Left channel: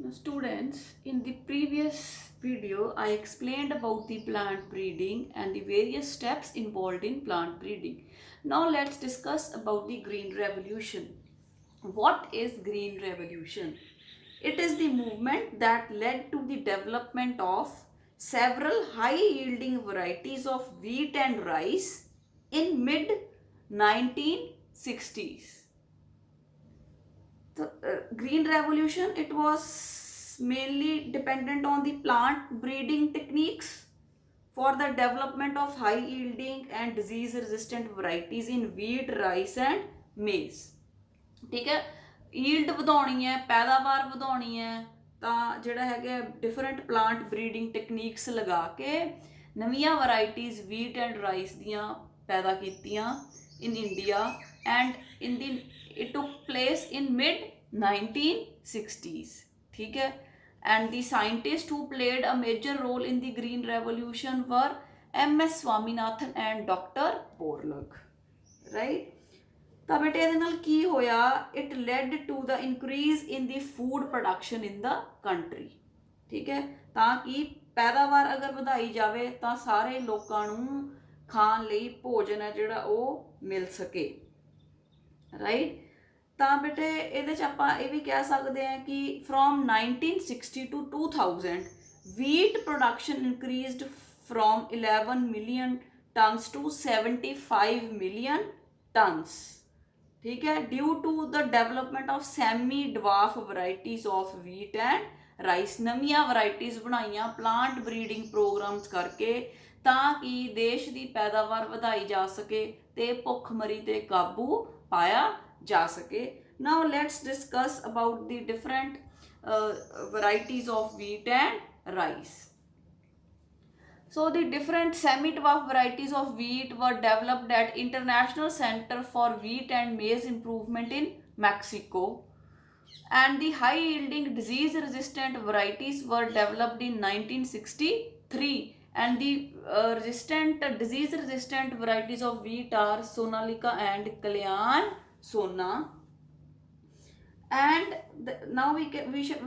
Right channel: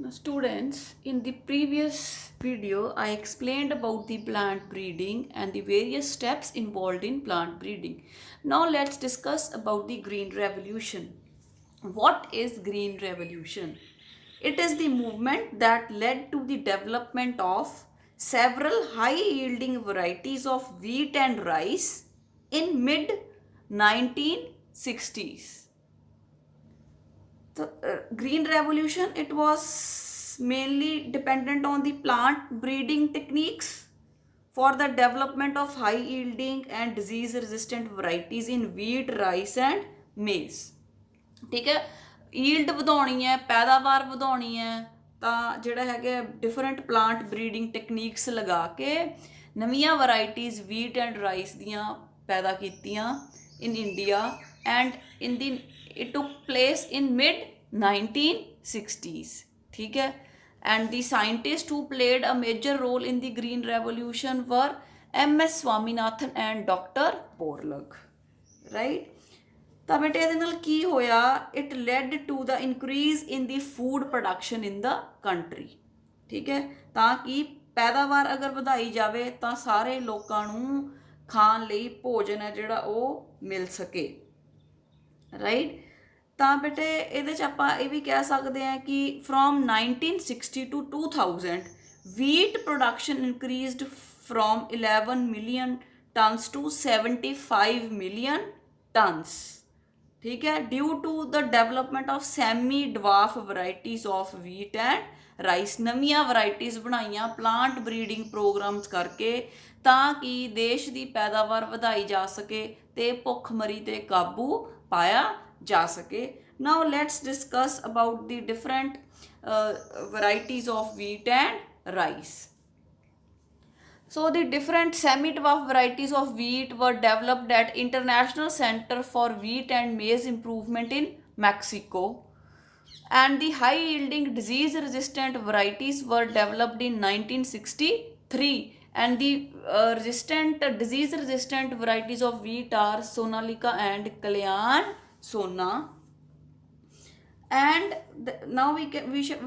Now, students, in the previous video, I explained about the plant breeding and the various steps involved in plant breeding. Now, let's discuss about the Green Revolution. What is Green Revolution? It is the movement that led to the development of several high-yielding varieties of wheat and rice in mid 1960s. The green revolution, it was mainly dependent on the plant breeding techniques for the development of high yielding and disease resistant varieties in wheat, rice and maize. ਠੀਕ ਹੈ, yield ਵਧਾਉਣੀ ਹੈ, ਪੈਦਾਵਾਰ ਵਧਾਉਣੀ ਹੈ, ਤਾਂ ਜਿਹੜਾ ਹੈਗਾ ਡਿਫਰੈਂਟ ਪਲਾਂਟ ਬਰੀਡਿੰਗ ਟੈਕਨੀਕਸ ਲਗਾ ਕੇ ਨਵੀਆਂ ਵੈਰਾਈਟੀਜ਼ ਵੀਟ ਐਂਡ ਰਾਈਸ ਦੀਆਂ ਪੈਦਾ ਕੀਤੀਆਂ in India, and in the it took place in mid 1960s. ठीक है, and the scientists who played a major role in the green revolution were M.S. Swaminathan and Dr. Borlaug, right? ਤਾਂ ਬੇਟੇ ਇਹਦੇ ਨਾਲ ਕੀ ਹੋਇਆ? It led to the increase in the food production in the country. ਠੀਕ ਹੈ, ਤਾਂ ਕਿ ਪੈਦਾਵਾਰ ਅਗਰ ਵਧਾਈ ਜਾਵੇ ਤਾਂ ਸਾਰੇ ਲੋਕਾਂ ਨੂੰ ਖਾਣ ਲਈ ਭੋਜਨ ਹੈ ਜਿਹੜਾ ਉਹ ਮਿਲ ਸਕੇ, ਰਾਈਟ? ਤਾਂ ਬੇਟੇ ਇਹਦੇ 'ਚ ਆਪਾਂ ਇਹ ਵੀ ਕਹਿ ਸਕਦੇ ਹਾਂ ਕਿ from 1960 to 2000 wheat production increased from 11 million tons to 75 million tons। ठीक है, due to the development of semi dwarf varieties of wheat and rice. नवीं वराइटीज़ बनाइया प्लांट ब्रीडिंग प्रोग्राम्स करके ताकि देश की पैदावार ਵਧਾਈ जा सके ते भुखमरी ते काबू पाया जा सके। Now let's discuss about the different varieties of wheat and rice। So the different semi-dwarf varieties of wheat were developed at International Center for Wheat and Maize Improvement in Mexico, and the high-yielding disease-resistant varieties were developed in 1963, and the disease-resistant varieties of wheat are Sonalika and Kalyan Sona। And now we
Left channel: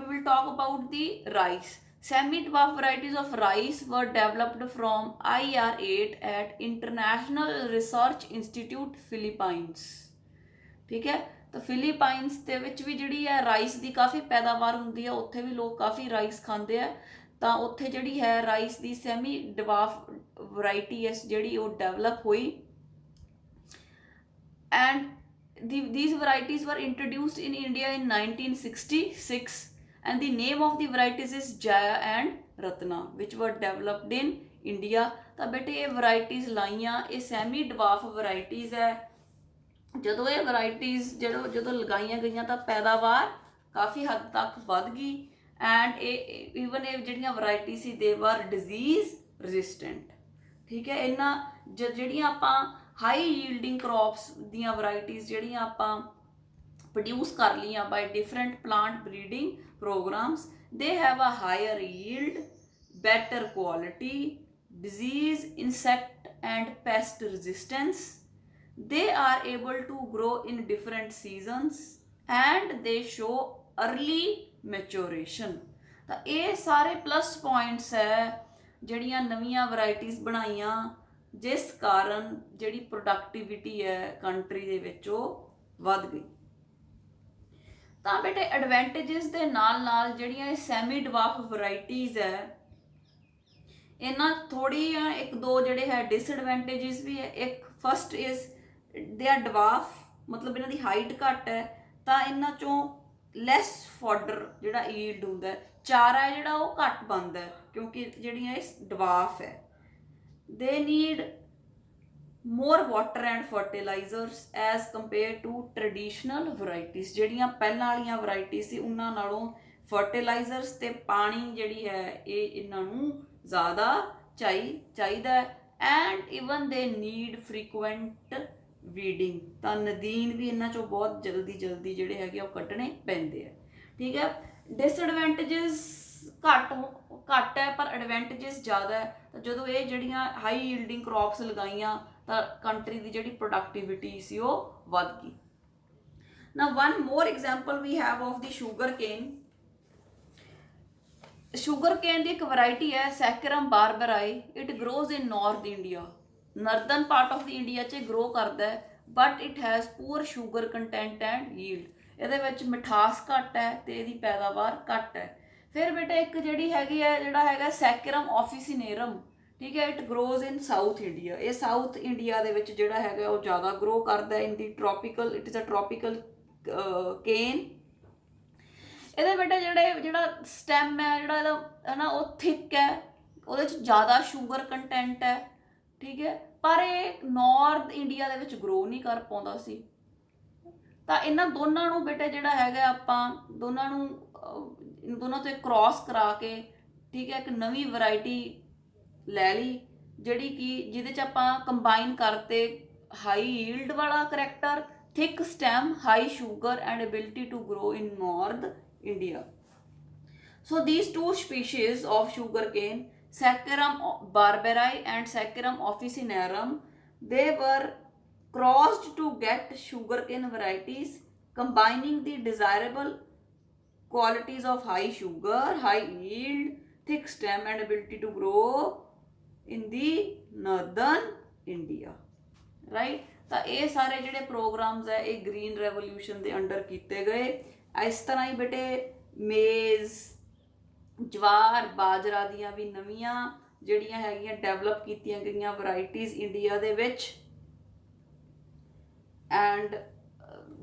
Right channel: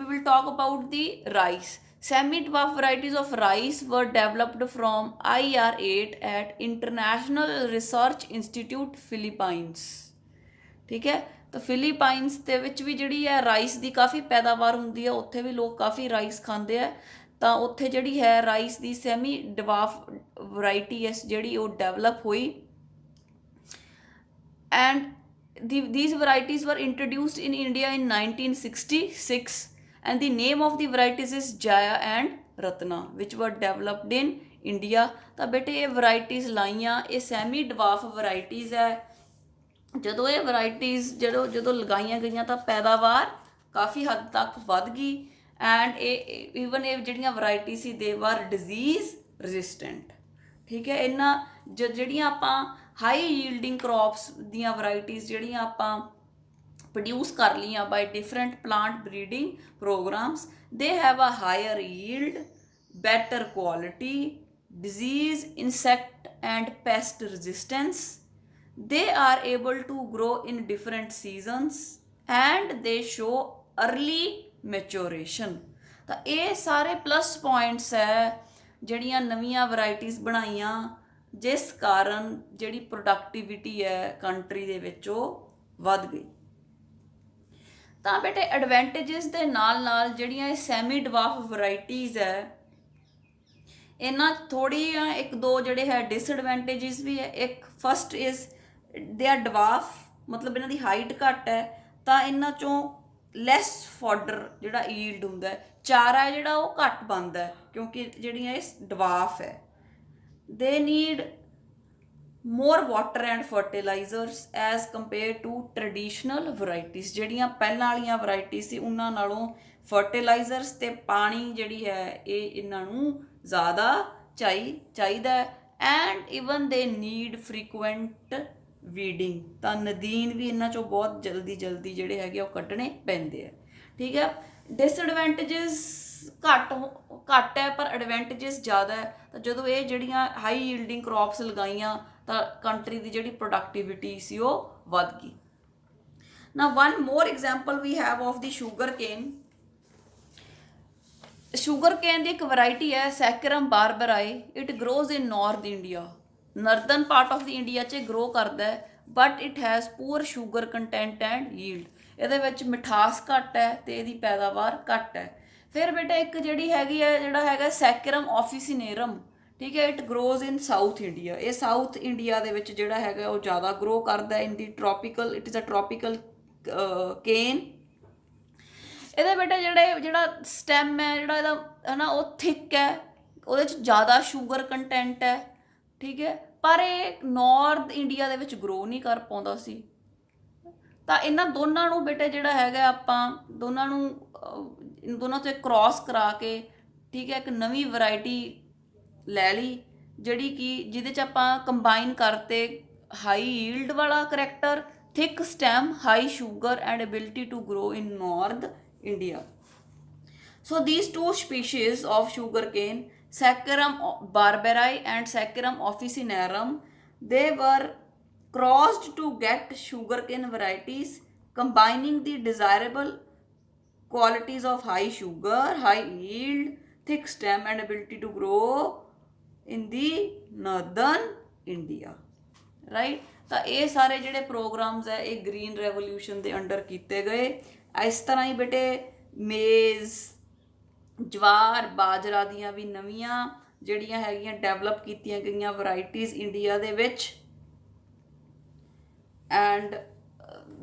will talk about the rice। Semi-dwarf varieties of rice were developed from IR8 at International Research Institute Philippines। ठीक है, तो ਫਿਲੀਪਾਈਨਸ ਦੇ ਵਿੱਚ ਵੀ ਜਿਹੜੀ ਹੈ rice ਦੀ ਕਾਫੀ ਪੈਦਾਵਾਰ ਹੁੰਦੀ ਹੈ, ਉੱਥੇ ਵੀ ਲੋਕ ਕਾਫੀ ਰਾਈਸ ਖਾਂਦੇ ਆ, ਤਾਂ ਉੱਥੇ ਜਿਹੜੀ ਹੈ ਰਾਈਸ ਦੀ ਸੈਮੀ ਡਿਵਾਫ ਵੈਰਾਈਟੀ ਹੈ ਜਿਹੜੀ ਉਹ ਡਿਵੈਲਪ ਹੋਈ। And these varieties were introduced in India in 1966, and the name of the varieties is Jaya and Ratna, which were developed in India। ਤਾਂ ਬੇਟੇ ਇਹ varieties ਲਾਈਆਂ, ਇਹ ਸੈਮੀ ਡਿਵਾਫ varieties ਹੈ। ਜਦੋਂ ਇਹ varieties ਜਦੋਂ ਲਗਾਈਆਂ ਗਈਆਂ ਤਾਂ ਪੈਦਾਵਾਰ ਕਾਫੀ ਹੱਦ ਤੱਕ ਵੱਧ ਗਈ, ਐਂਡ ਇਹ ਈਵਨ ਇਹ ਜਿਹੜੀਆਂ ਵੈਰਾਈਟੀ ਸੀ ਦੇ ਵਰ ਡਿਜ਼ੀਜ਼ ਰੈਜ਼ਿਸਟੈਂਟ। ਠੀਕ ਹੈ, ਇਹਨਾਂ ਜਿਹੜੀਆਂ ਆਪਾਂ ਹਾਈ ਯੀਲਡਿੰਗ ਕ੍ਰੌਪਸ ਦੀਆਂ ਵੈਰਾਈਟੀਜ਼ ਜਿਹੜੀਆਂ ਆਪਾਂ ਪ੍ਰੋਡਿਊਸ ਕਰ ਲਈਆਂ by different plant breeding programmes, they have a higher yield, better quality, disease, insect and pest resistance। They are able to grow in different seasons and they show early maturation। ਤਾਂ ਇਹ ਸਾਰੇ plus points ਹੈ ਜਿਹੜੀਆਂ ਨਵੀਆਂ varieties ਬਣਾਈਆਂ, ਜਿਸ ਕਾਰਨ ਜਿਹੜੀ ਪ੍ਰੋਡਕਟਿਵਿਟੀ ਹੈ ਕੰਟਰੀ ਦੇ ਵਿੱਚ ਉਹ ਵੱਧ ਗਈ। ਤਾਂ ਬੇਟੇ ਐਡਵਾਂਟੇਜਸ ਦੇ ਨਾਲ ਨਾਲ ਜਿਹੜੀਆਂ ਇਹ ਸੈਮੀ ਡਿਵਾਫ ਵੈਰਾਈਟੀਜ਼ ਹੈ, ਇਹਨਾਂ ਥੋੜ੍ਹੀਆਂ ਇੱਕ ਦੋ ਜਿਹੜੇ ਹੈ ਡਿਸਐਡਵਾਂਟੇਜਸ ਵੀ ਹੈ। ਇੱਕ ਫਸਟ ਇਜ਼ ਦੇ ਆਰ ਡਿਵਾਫ, ਮਤਲਬ ਇਹਨਾਂ ਦੀ ਹਾਈਟ ਘੱਟ ਹੈ, ਤਾਂ ਇਹਨਾਂ 'ਚੋਂ ਲੈਸ ਫੋਡਰ ਜਿਹੜਾ ਈਲਡ ਹੁੰਦਾ, ਚਾਰਾ ਜਿਹੜਾ ਉਹ ਘੱਟ ਬਣਦਾ ਕਿਉਂਕਿ ਜਿਹੜੀਆਂ ਇਹ ਡਿਵਾਫ ਹੈ। ਦੇ need more water and fertilizers as compared to traditional varieties। ਜਿਹੜੀਆਂ ਪਹਿਲਾਂ ਵਾਲੀਆਂ ਵੈਰਾਈਟੀਜ਼ ਸੀ ਉਹਨਾਂ ਨਾਲੋਂ ਫਰਟੀਲਾਈਜ਼ਰਸ ਤੇ ਪਾਣੀ ਜਿਹੜੀ ਹੈ ਇਹ ਇਹਨਾਂ ਨੂੰ ਜ਼ਿਆਦਾ ਚਾਹੀਦਾ ਹੈ। ਐਂਡ ਈਵਨ ਦੇ ਨੀਡ ਫਰੀਕੁਐਂਟ ਵੀਡਿੰਗ, ਤਾਂ ਨਦੀਨ ਵੀ ਇਹਨਾਂ 'ਚੋਂ ਬਹੁਤ ਜਲਦੀ ਜਿਹੜੇ ਹੈਗੇ ਉਹ ਕੱਢਣੇ ਪੈਂਦੇ ਆ। ਠੀਕ ਹੈ, ਡਿਸਐਡਵਾਂਟੇਜਸ ਘੱਟ ਹੈ ਪਰ ਐਡਵਾਂਟੇਜਸ ਜ਼ਿਆਦਾ ਹੈ। ਤਾਂ ਜਦੋਂ ਇਹ ਜਿਹੜੀਆਂ ਹਾਈ ਯੀਲਡਿੰਗ ਕ੍ਰੌਪਸ ਲਗਾਈਆਂ ਤਾਂ ਕੰਟਰੀ ਦੀ ਜਿਹੜੀ ਪ੍ਰੋਡਕਟਿਵਿਟੀ ਸੀ ਉਹ ਵੱਧ ਗਈ। ਨਾ one more example we have of the sugarcane. Sugarcane ਦੀ ਇੱਕ ਵੈਰਾਈਟੀ ਹੈ Saccharum barberi, it grows in north India, northern part of the India 'ਚ ਗਰੋ ਕਰਦਾ ਹੈ, but it has poor sugar content and yield, ਇਹਦੇ ਵਿੱਚ ਮਿਠਾਸ ਘੱਟ ਹੈ ਤੇ ਇਹਦੀ ਪੈਦਾਵਾਰ ਘੱਟ ਹੈ। ਫਿਰ ਬੇਟਾ ਇੱਕ ਜਿਹੜੀ ਹੈਗੀ ਹੈ ਜਿਹੜਾ ਹੈਗਾ ਸੈਕਰਮ ਆਫਿਸਿਨੇਰਮ, ਠੀਕ ਹੈ, it grows in south India, ਇਹ ਸਾਊਥ ਇੰਡੀਆ ਦੇ ਵਿੱਚ ਜਿਹੜਾ ਹੈਗਾ ਉਹ ਜ਼ਿਆਦਾ ਗਰੋ ਕਰਦਾ in the tropical, it is a tropical cane. ਇਹਦੇ ਬੇਟਾ ਜਿਹੜਾ ਸਟੈਮ ਹੈ ਜਿਹੜਾ ਇਹਦਾ ਹੈ ਨਾ ਉਹ ਥਿਕ ਹੈ, ਉਹਦੇ 'ਚ ਜ਼ਿਆਦਾ ਸ਼ੂਗਰ ਕੰਟੈਂਟ ਹੈ, ਠੀਕ ਹੈ, ਪਰ ਇਹ ਨਾਰਥ ਇੰਡੀਆ ਦੇ ਵਿੱਚ ਗਰੋ ਨਹੀਂ ਕਰ ਪਾਉਂਦਾ ਸੀ। ਤਾਂ ਇਹਨਾਂ ਦੋਨਾਂ ਨੂੰ ਬੇਟੇ ਜਿਹੜਾ ਹੈਗਾ ਆਪਾਂ ਦੋਨਾਂ ਨੂੰ ਇਨ ਦੋਨਾਂ ਤੋਂ ਕ੍ਰਾਸ ਕਰਾ ਕੇ, ਠੀਕ ਹੈ, ਇੱਕ ਨਵੀਂ ਵੈਰਾਈਟੀ ਲੈ ਲਈ ਜਿਹੜੀ ਕਿ ਜਿਹਦੇ 'ਚ ਆਪਾਂ ਕੰਬਾਈਨ ਕਰਤੇ ਹਾਈ ਯੀਲਡ ਵਾਲਾ character, thick stem, high sugar and ability to grow in north India. So these two species of sugarcane, Saccharum barbarii and Saccharum officinarum, they were crossed to get sugarcane varieties combining the desirable qualities of high sugar, high yield, thick stem and ability to grow in the northern India. Right? ਤਾਂ ਇਹ ਸਾਰੇ ਜਿਹੜੇ programs ਹੈ ਇਹ green revolution ਦੇ under ਕੀਤੇ ਗਏ। ਇਸ ਤਰ੍ਹਾਂ ਹੀ ਬੇਟੇ ਮੇਜ਼, ਜਵਾਰ, ਬਾਜਰਾ ਦੀਆਂ ਵੀ ਨਵੀਆਂ ਜਿਹੜੀਆਂ ਹੈਗੀਆਂ ਡਿਵੈਲਪ ਕੀਤੀਆਂ ਗਈਆਂ ਵੈਰਾਈਟੀਜ਼ ਇੰਡੀਆ ਦੇ ਵਿੱਚ, ਐਂਡ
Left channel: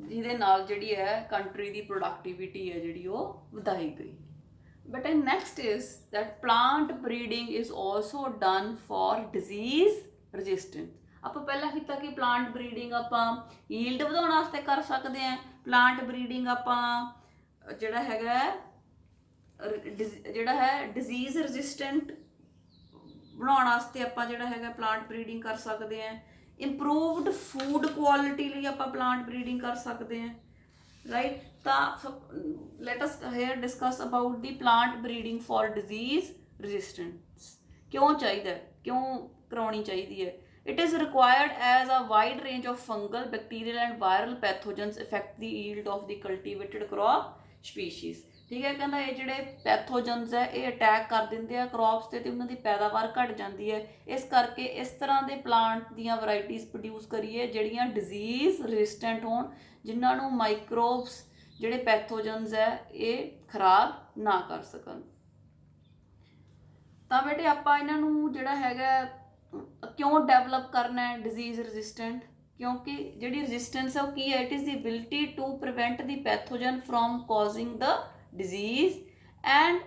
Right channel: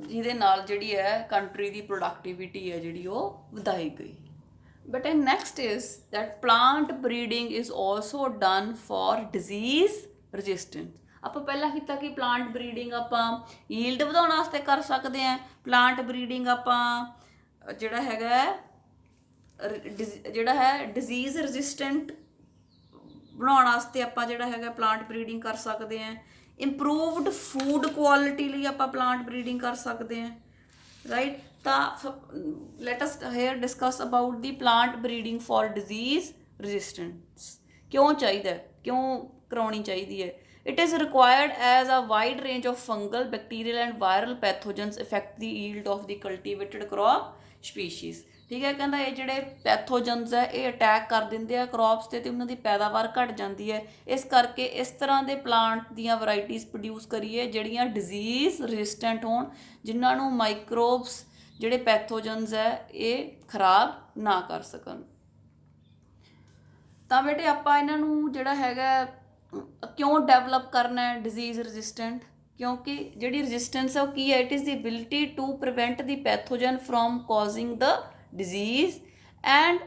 ਜਿਹਦੇ ਨਾਲ ਜਿਹੜੀ ਹੈ ਕੰਟਰੀ ਦੀ ਪ੍ਰੋਡਕਟਿਵਿਟੀ ਹੈ ਜਿਹੜੀ ਉਹ ਵਧਾਈ ਗਈ। But next is that plant breeding is also done for disease resistance. ਆਪਾਂ ਪਹਿਲਾਂ ਕੀਤਾ ਕਿ ਪਲਾਂਟ ਬਰੀਡਿੰਗ ਆਪਾਂ ਯੀਲਡ ਵਧਾਉਣ ਵਾਸਤੇ ਕਰ ਸਕਦੇ ਹਾਂ, ਪਲਾਂਟ ਬਰੀਡਿੰਗ ਆਪਾਂ ਜਿਹੜਾ ਹੈਗਾ ਡਿਜ਼ੀਜ਼ ਰੈਜ਼ਿਸਟੈਂਟ ਬਣਾਉਣ ਵਾਸਤੇ ਆਪਾਂ ਜਿਹੜਾ ਹੈਗਾ ਪਲਾਂਟ ਬਰੀਡਿੰਗ ਕਰ ਸਕਦੇ ਹਾਂ, ਇੰਪਰੂਵਡ ਫੂਡ ਕੁਆਲਿਟੀ ਲਈ ਆਪਾਂ ਪਲਾਂਟ ਬਰੀਡਿੰਗ ਕਰ ਸਕਦੇ ਹਾਂ, ਰਾਈਟ। ਤਾਂ let us here discuss about the plant breeding for disease resistance. ਕਿਉਂ ਚਾਹੀਦਾ, ਕਿਉਂ ਕਰਾਉਣੀ ਚਾਹੀਦੀ ਹੈ? It is required as a wide range of fungal, bacterial and viral pathogens affect the yield of the cultivated crop species. ਠੀਕ ਹੈ, ਕਹਿੰਦਾ ਇਹ ਜਿਹੜੇ ਪੈਥੋਜਨਸ ਹੈ ਇਹ ਅਟੈਕ ਕਰ ਦਿੰਦੇ ਆ ਕ੍ਰੌਪਸ ਤੇ ਉਹਨਾਂ ਦੀ ਪੈਦਾਵਾਰ ਘਟ ਜਾਂਦੀ ਹੈ। ਇਸ ਕਰਕੇ ਇਸ ਤਰ੍ਹਾਂ ਦੇ ਪਲਾਂਟ ਦੀਆਂ ਵੈਰਾਈਟੀਜ਼ ਪ੍ਰੋਡਿਊਸ ਕਰੀਏ ਜਿਹੜੀਆਂ ਡਿਜ਼ੀਜ਼ ਰੈਜ਼ਿਸਟੈਂਟ ਹੋਣ, ਜਿਨ੍ਹਾਂ ਨੂੰ ਮਾਈਕਰੋਬਸ ਜਿਹੜੇ ਪੈਥੋਜਨਸ ਹੈ ਇਹ ਖਰਾਬ ਨਾ ਕਰ ਸਕਣ। ਤਾਂ ਬੇਟੇ ਆਪਾਂ ਇਹਨਾਂ ਨੂੰ ਜਿਹੜਾ ਹੈਗਾ ਕਿਉਂ ਡਿਵੈਲਪ ਕਰਨਾ ਹੈ ਡਿਜ਼ੀਜ਼ ਰੈਜ਼ਿਸਟੈਂਟ? ਕਿਉਂਕਿ ਜਿਹੜੀ ਰੈਜ਼ਿਸਟੈਂਸ ਹੈ ਉਹ ਕੀ ਹੈ? It is the ability to prevent the pathogen from causing the disease, and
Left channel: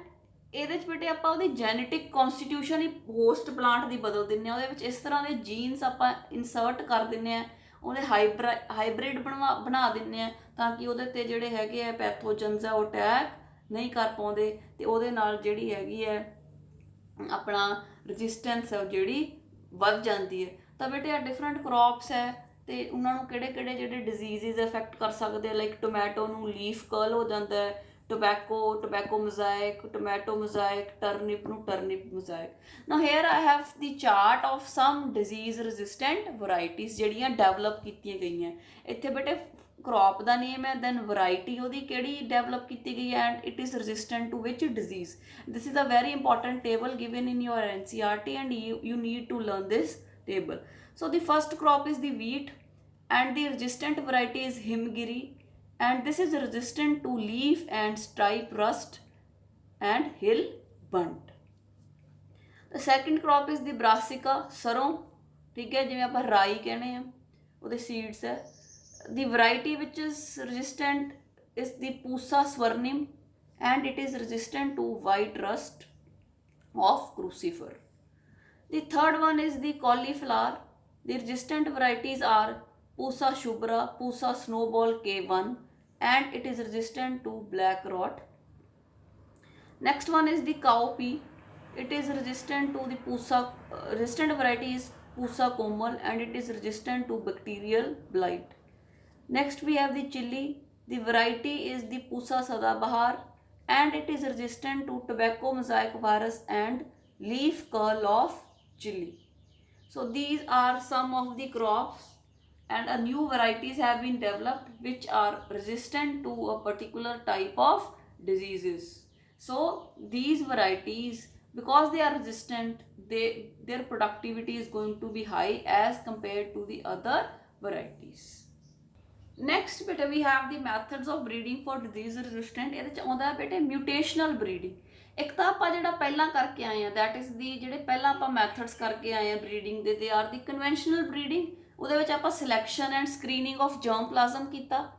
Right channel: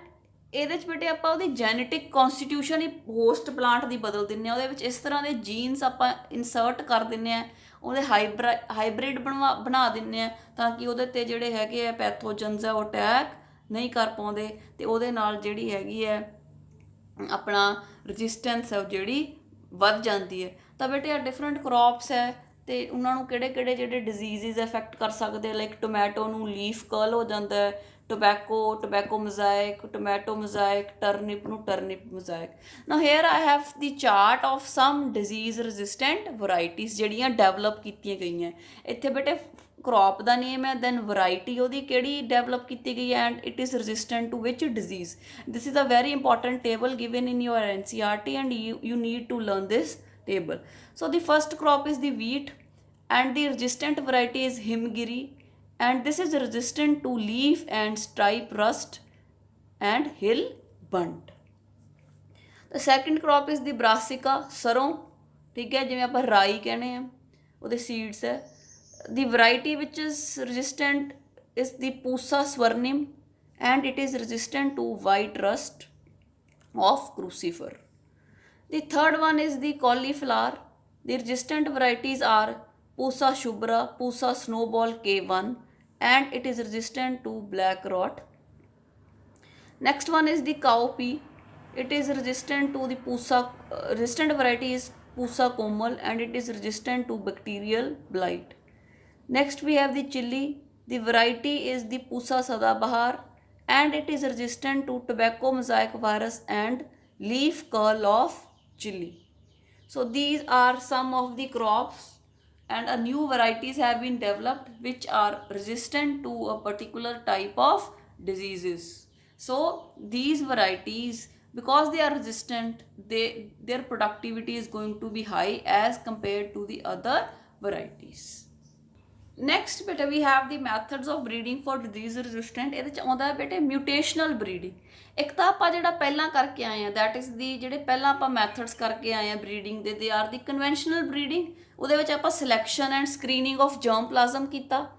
ਇਹਦੇ 'ਚ ਬੇਟੇ ਆਪਾਂ ਉਹਦੀ ਜੈਨੇਟਿਕ ਕੌਨਸਟੀਟਿਊਸ਼ਨ ਹੀ ਹੋਸਟ ਪਲਾਂਟ ਦੀ ਬਦਲ ਦਿੰਦੇ ਹਾਂ, ਉਹਦੇ ਵਿੱਚ ਇਸ ਤਰ੍ਹਾਂ ਦੇ ਜੀਨਸ ਆਪਾਂ ਇਨਸਰਟ ਕਰ ਦਿੰਦੇ ਹਾਂ, ਉਹਦੇ ਹਾਈਬ੍ਰਿਡ ਬਣਾ ਦਿੰਦੇ ਹਾਂ ਤਾਂ ਕਿ ਉਹਦੇ 'ਤੇ ਜਿਹੜੇ ਹੈਗੇ ਆ ਪੈਥੋਜਨਸ ਆ ਉਹ ਅਟੈਕ ਨਹੀਂ ਕਰ ਪਾਉਂਦੇ, ਅਤੇ ਉਹਦੇ ਨਾਲ ਜਿਹੜੀ ਹੈਗੀ ਹੈ ਆਪਣਾ ਰੈਜ਼ਿਸਟੈਂਸ ਹੈ ਉਹ ਜਿਹੜੀ ਵੱਧ ਜਾਂਦੀ ਹੈ। ਤਾਂ ਬੇਟੇ ਆ ਡਿਫਰੈਂਟ ਕ੍ਰੌਪਸ ਹੈ ਅਤੇ ਉਹਨਾਂ ਨੂੰ ਕਿਹੜੇ ਕਿਹੜੇ ਜਿਹੜੇ ਡਿਜ਼ੀਜ਼ਿਜ਼ ਅਫੈਕਟ ਕਰ ਸਕਦੇ ਆ, ਲਾਈਕ ਟੋਮੈਟੋ ਨੂੰ ਲੀਫ ਕਰਲ ਹੋ ਜਾਂਦਾ ਹੈ, tobacco mosaic, tomato mosaic, turnip ਨੂੰ turnip mosaic. Now here I have the chart of some disease resistant varieties ਜਿਹੜੀਆਂ ਡਿਵੈਲਪ ਕੀਤੀਆਂ ਗਈਆਂ। ਇੱਥੇ ਬੇਟੇ ਕ੍ਰੌਪ ਦਾ ਨੇਮ ਹੈ, ਦੈਨ ਵੈਰਾਈਟੀ ਉਹਦੀ ਕਿਹੜੀ ਡਿਵੈਲਪ ਕੀਤੀ ਗਈ ਹੈ, and it is resistant to which disease. This is a very important table given in your NCERT and you need to learn this table. So the first crop is the wheat and the resistant variety is Himgiri, and this is resistant to leaf and stripe rust and hill bunt. The second crop is the Brassica, ਸਰੋਂ, ਠੀਕ ਹੈ, ਜਿਵੇਂ ਆਪਾਂ ਰਾਈ ਕਹਿੰਦੇ ਆ, ਉਹਦੇ seeds ਹੈ। The variety which is resistant is the Pusa swarnim, and it is resistant to white rust of crucifer. The third one is the cauliflower. The resistant varieties are Pusa shubra, Pusa snowball K1, and it is resistant to black rot. Next one is the cowpea. It is resistant to the Pusa, resistant variety is Pusa komal, and it is resistant to bacterial blight. Next we have the chili. The variety is the Pusa sadabahar, and it is resistant to tobacco mosaic virus and leaf curl of chili. So these are some of the crops, and a new varieties have been developed which are resistant to a particular type of diseases. So these varieties, because they are resistant, their productivity is going to be high as compared to the other varieties. Next beta we have the methods of breeding for disease resistant. ਇਹਦੇ ਚ ਆਉਂਦਾ ਹੈ ਬੇਟੇ ਮਿਊਟੇਸ਼ਨਲ breeding. ਇੱਕ ਤਾਂ ਆਪਾਂ ਜਿਹੜਾ ਪਹਿਲਾਂ ਕਰਕੇ ਆਏ ਆ ਦੈਟ ਇਜ਼ ਦੀ ਜਿਹੜੇ ਪਹਿਲਾਂ ਆਪਾਂ ਮੈਥਡਸ ਕਰਕੇ ਆਏ ਆ breeding they are the conventional breeding. ਉਹਦੇ ਵਿੱਚ ਆਪਾਂ selection and screening of germplasm ਕੀਤਾ,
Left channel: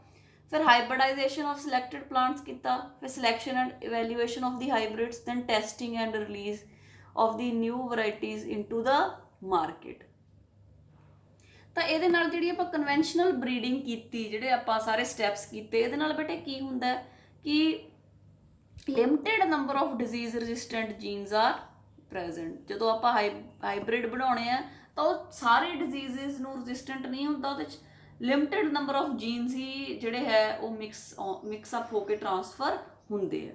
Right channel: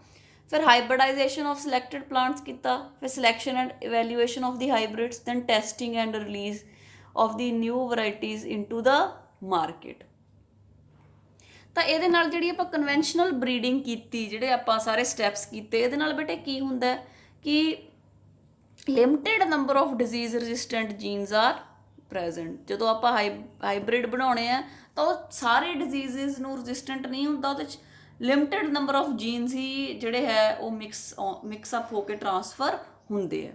ਫਿਰ ਹਾਈਬ੍ਰਿਡਾਈਜੇਸ਼ਨ ਆਫ ਸਿਲੈਕਟਡ ਪਲਾਂਟਸ ਕੀਤਾ, ਫਿਰ selection and evaluation of the hybrids, then testing and release of the new varieties into the market. ਤਾਂ ਇਹਦੇ ਨਾਲ ਜਿਹੜੀ ਆਪਾਂ ਕਨਵੈਨਸ਼ਨਲ ਬਰੀਡਿੰਗ ਕੀਤੀ, ਜਿਹੜੇ ਆਪਾਂ ਸਾਰੇ ਸਟੈਪਸ ਕੀਤੇ, ਇਹਦੇ ਨਾਲ ਬੇਟੇ ਕੀ ਹੁੰਦਾ ਕਿ limited number of disease resistant genes are present. ਜਦੋਂ ਆਪਾਂ ਹਾਈਬ੍ਰਿਡ ਬਣਾਉਣੇ ਆ ਤਾਂ ਉਹ ਸਾਰੇ ਡਿਜ਼ੀਜ਼ਸ ਨੂੰ ਰੈਜ਼ਿਸਟੈਂਟ ਨਹੀਂ ਹੁੰਦਾ, ਉਹਦੇ 'ਚ ਲਿਮਿਟਿਡ ਨੰਬਰ ਆਫ ਜੀਨਸ ਹੀ ਜਿਹੜੇ ਹੈ ਉਹ ਮਿਕਸਅਪ ਹੋ ਕੇ ਟਰਾਂਸਫਰ ਹੁੰਦੇ ਆ,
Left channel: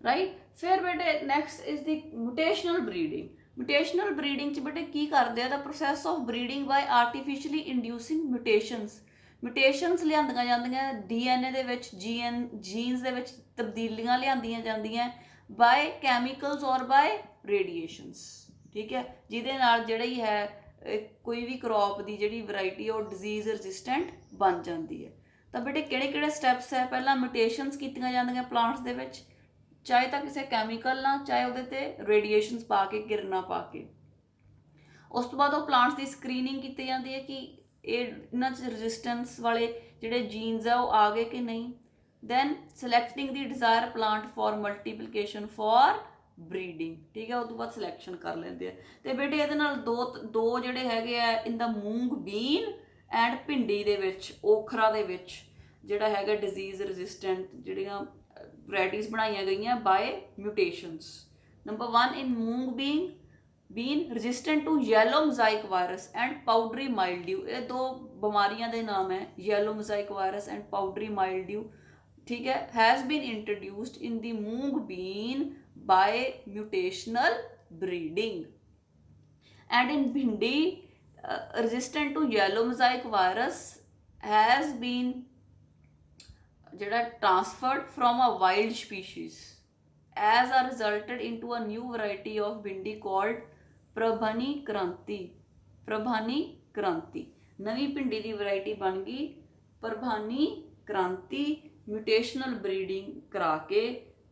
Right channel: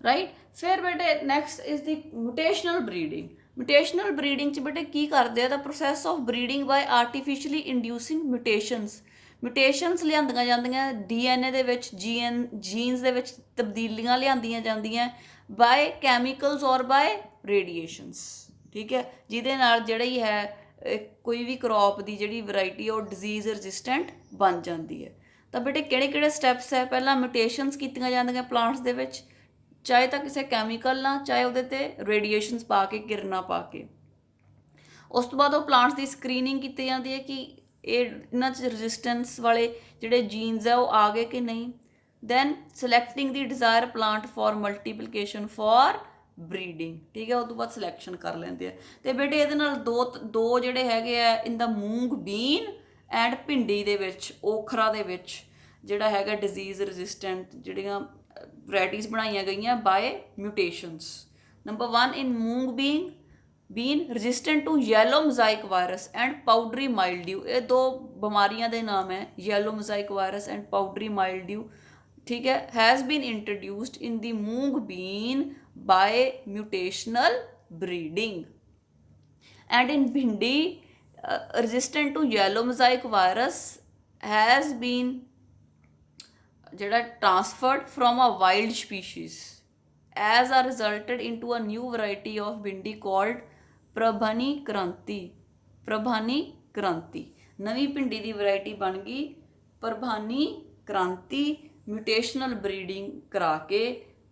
ਰਾਈਟ। ਫਿਰ ਬੇਟੇ next is the mutational breeding. Mutational breeding 'ਚ ਬੇਟੇ ਕੀ ਕਰਦੇ ਆ, the process of breeding by artificially inducing mutations ਲਿਆਂਦੀਆਂ ਜਾਂਦੀਆਂ DNA ਦੇ ਵਿੱਚ, ਜੀਨਸ ਦੇ ਵਿੱਚ ਤਬਦੀਲੀਆਂ ਲਿਆਂਦੀਆਂ ਜਾਂਦੀਆਂ ਬਾਏ ਕੈਮੀਕਲਸ ਔਰ ਬਾਏ ਰੇਡੀਏਸ਼ਨਸ, ਠੀਕ ਹੈ, ਜਿਹਦੇ ਨਾਲ ਜਿਹੜੀ ਹੈ ਕੋਈ ਵੀ ਕਰੋਪ ਦੀ ਜਿਹੜੀ ਵੈਰਾਈਟੀ ਉਹ ਡਿਜ਼ੀਜ਼ ਰੈਜ਼ਿਸਟੈਂਟ ਬਣ ਜਾਂਦੀ ਹੈ। ਤਾਂ ਬੇਟੇ ਕਿਹੜੇ ਕਿਹੜੇ ਸਟੈਪਸ ਹੈ, ਪਹਿਲਾਂ ਮਿਊਟੇਸ਼ਨਸ ਕੀਤੀਆਂ ਜਾਂਦੀਆਂ ਪਲਾਂਟਸ ਦੇ ਵਿੱਚ, ਚਾਹੇ ਤਾਂ ਕਿਸੇ ਕੈਮੀਕਲ ਨਾਲ, ਚਾਹੇ ਉਹਦੇ 'ਤੇ ਰੇਡੀਏਸ਼ਨਸ ਪਾ ਕੇ, ਕਿਰਨਾਂ ਪਾ ਕੇ। ਉਸ ਤੋਂ ਬਾਅਦ ਉਹ ਪਲਾਂਟਸ ਦੀ ਸਕਰੀਨਿੰਗ ਕੀਤੀ ਜਾਂਦੀ ਹੈ ਕਿ ਇਹਨਾਂ 'ਚ ਰੈਜ਼ਿਸਟੈਂਸ ਵਾਲੇ ਜਿਹੜੇ ਜੀਨਸ ਆ ਉਹ ਆ ਗਏ ਕਿ ਨਹੀਂ। Then selecting the desire plant for multiplication for breeding, ਠੀਕ ਹੈ, ਉਹ ਤੋਂ ਬਾਅਦ ਸਿਲੈਕਸ਼ਨ ਕਰ ਲੈਂਦੇ ਆ। ਅਤੇ ਬੇਟੇ ਇਹਦੇ ਨਾਲ ਦੋ ਜਿਹੜੇ ਹੈਗੇ ਆ ਇਨ ਦਾ ਮੂੰਗ ਬੀਨ ਐਂਡ ਭਿੰਡੀ ਦੇ ਵਿੱਚ, ਓਖਰਾ ਦੇ ਵਿੱਚ ਜਿਹੜਾ ਹੈਗਾ ਡਿਜ਼ੀਜ਼ ਰੈਜ਼ਿਸਟੈਂਟ ਜਿਹੜੀਆਂ ਵੈਰਾਈਟੀਜ਼ ਬਣਾਈਆਂ ਗਈਆਂ by mutations. Number 1 in moong bean resistant to yellow mosaic virus and powdery mildew. ਇਹ ਦੋ ਬਿਮਾਰੀਆਂ ਦੇ ਨਾਮ ਹੈ, yellow mosaic virus and powdery mildew, ਠੀਕ ਹੈ, has been introduced in the moong bean by mutational breeding. And in bhindi resistant to yellow mosaic virus has been ਜਿਹੜਾ transferred from a wild species as a resulted into a new variety of bhindi called Parbhani ਕ੍ਰਾਂਤੀ। ਨਵੀਂ ਭਿੰਡੀ ਦੀ variety ਬਣ ਗਈ ਪ੍ਰਭਾਨੀ ਕ੍ਰਾਂਤੀ, ਮਿਊਟੇਸ਼ਨਲ breeding ਕਰਾ ਕੇ,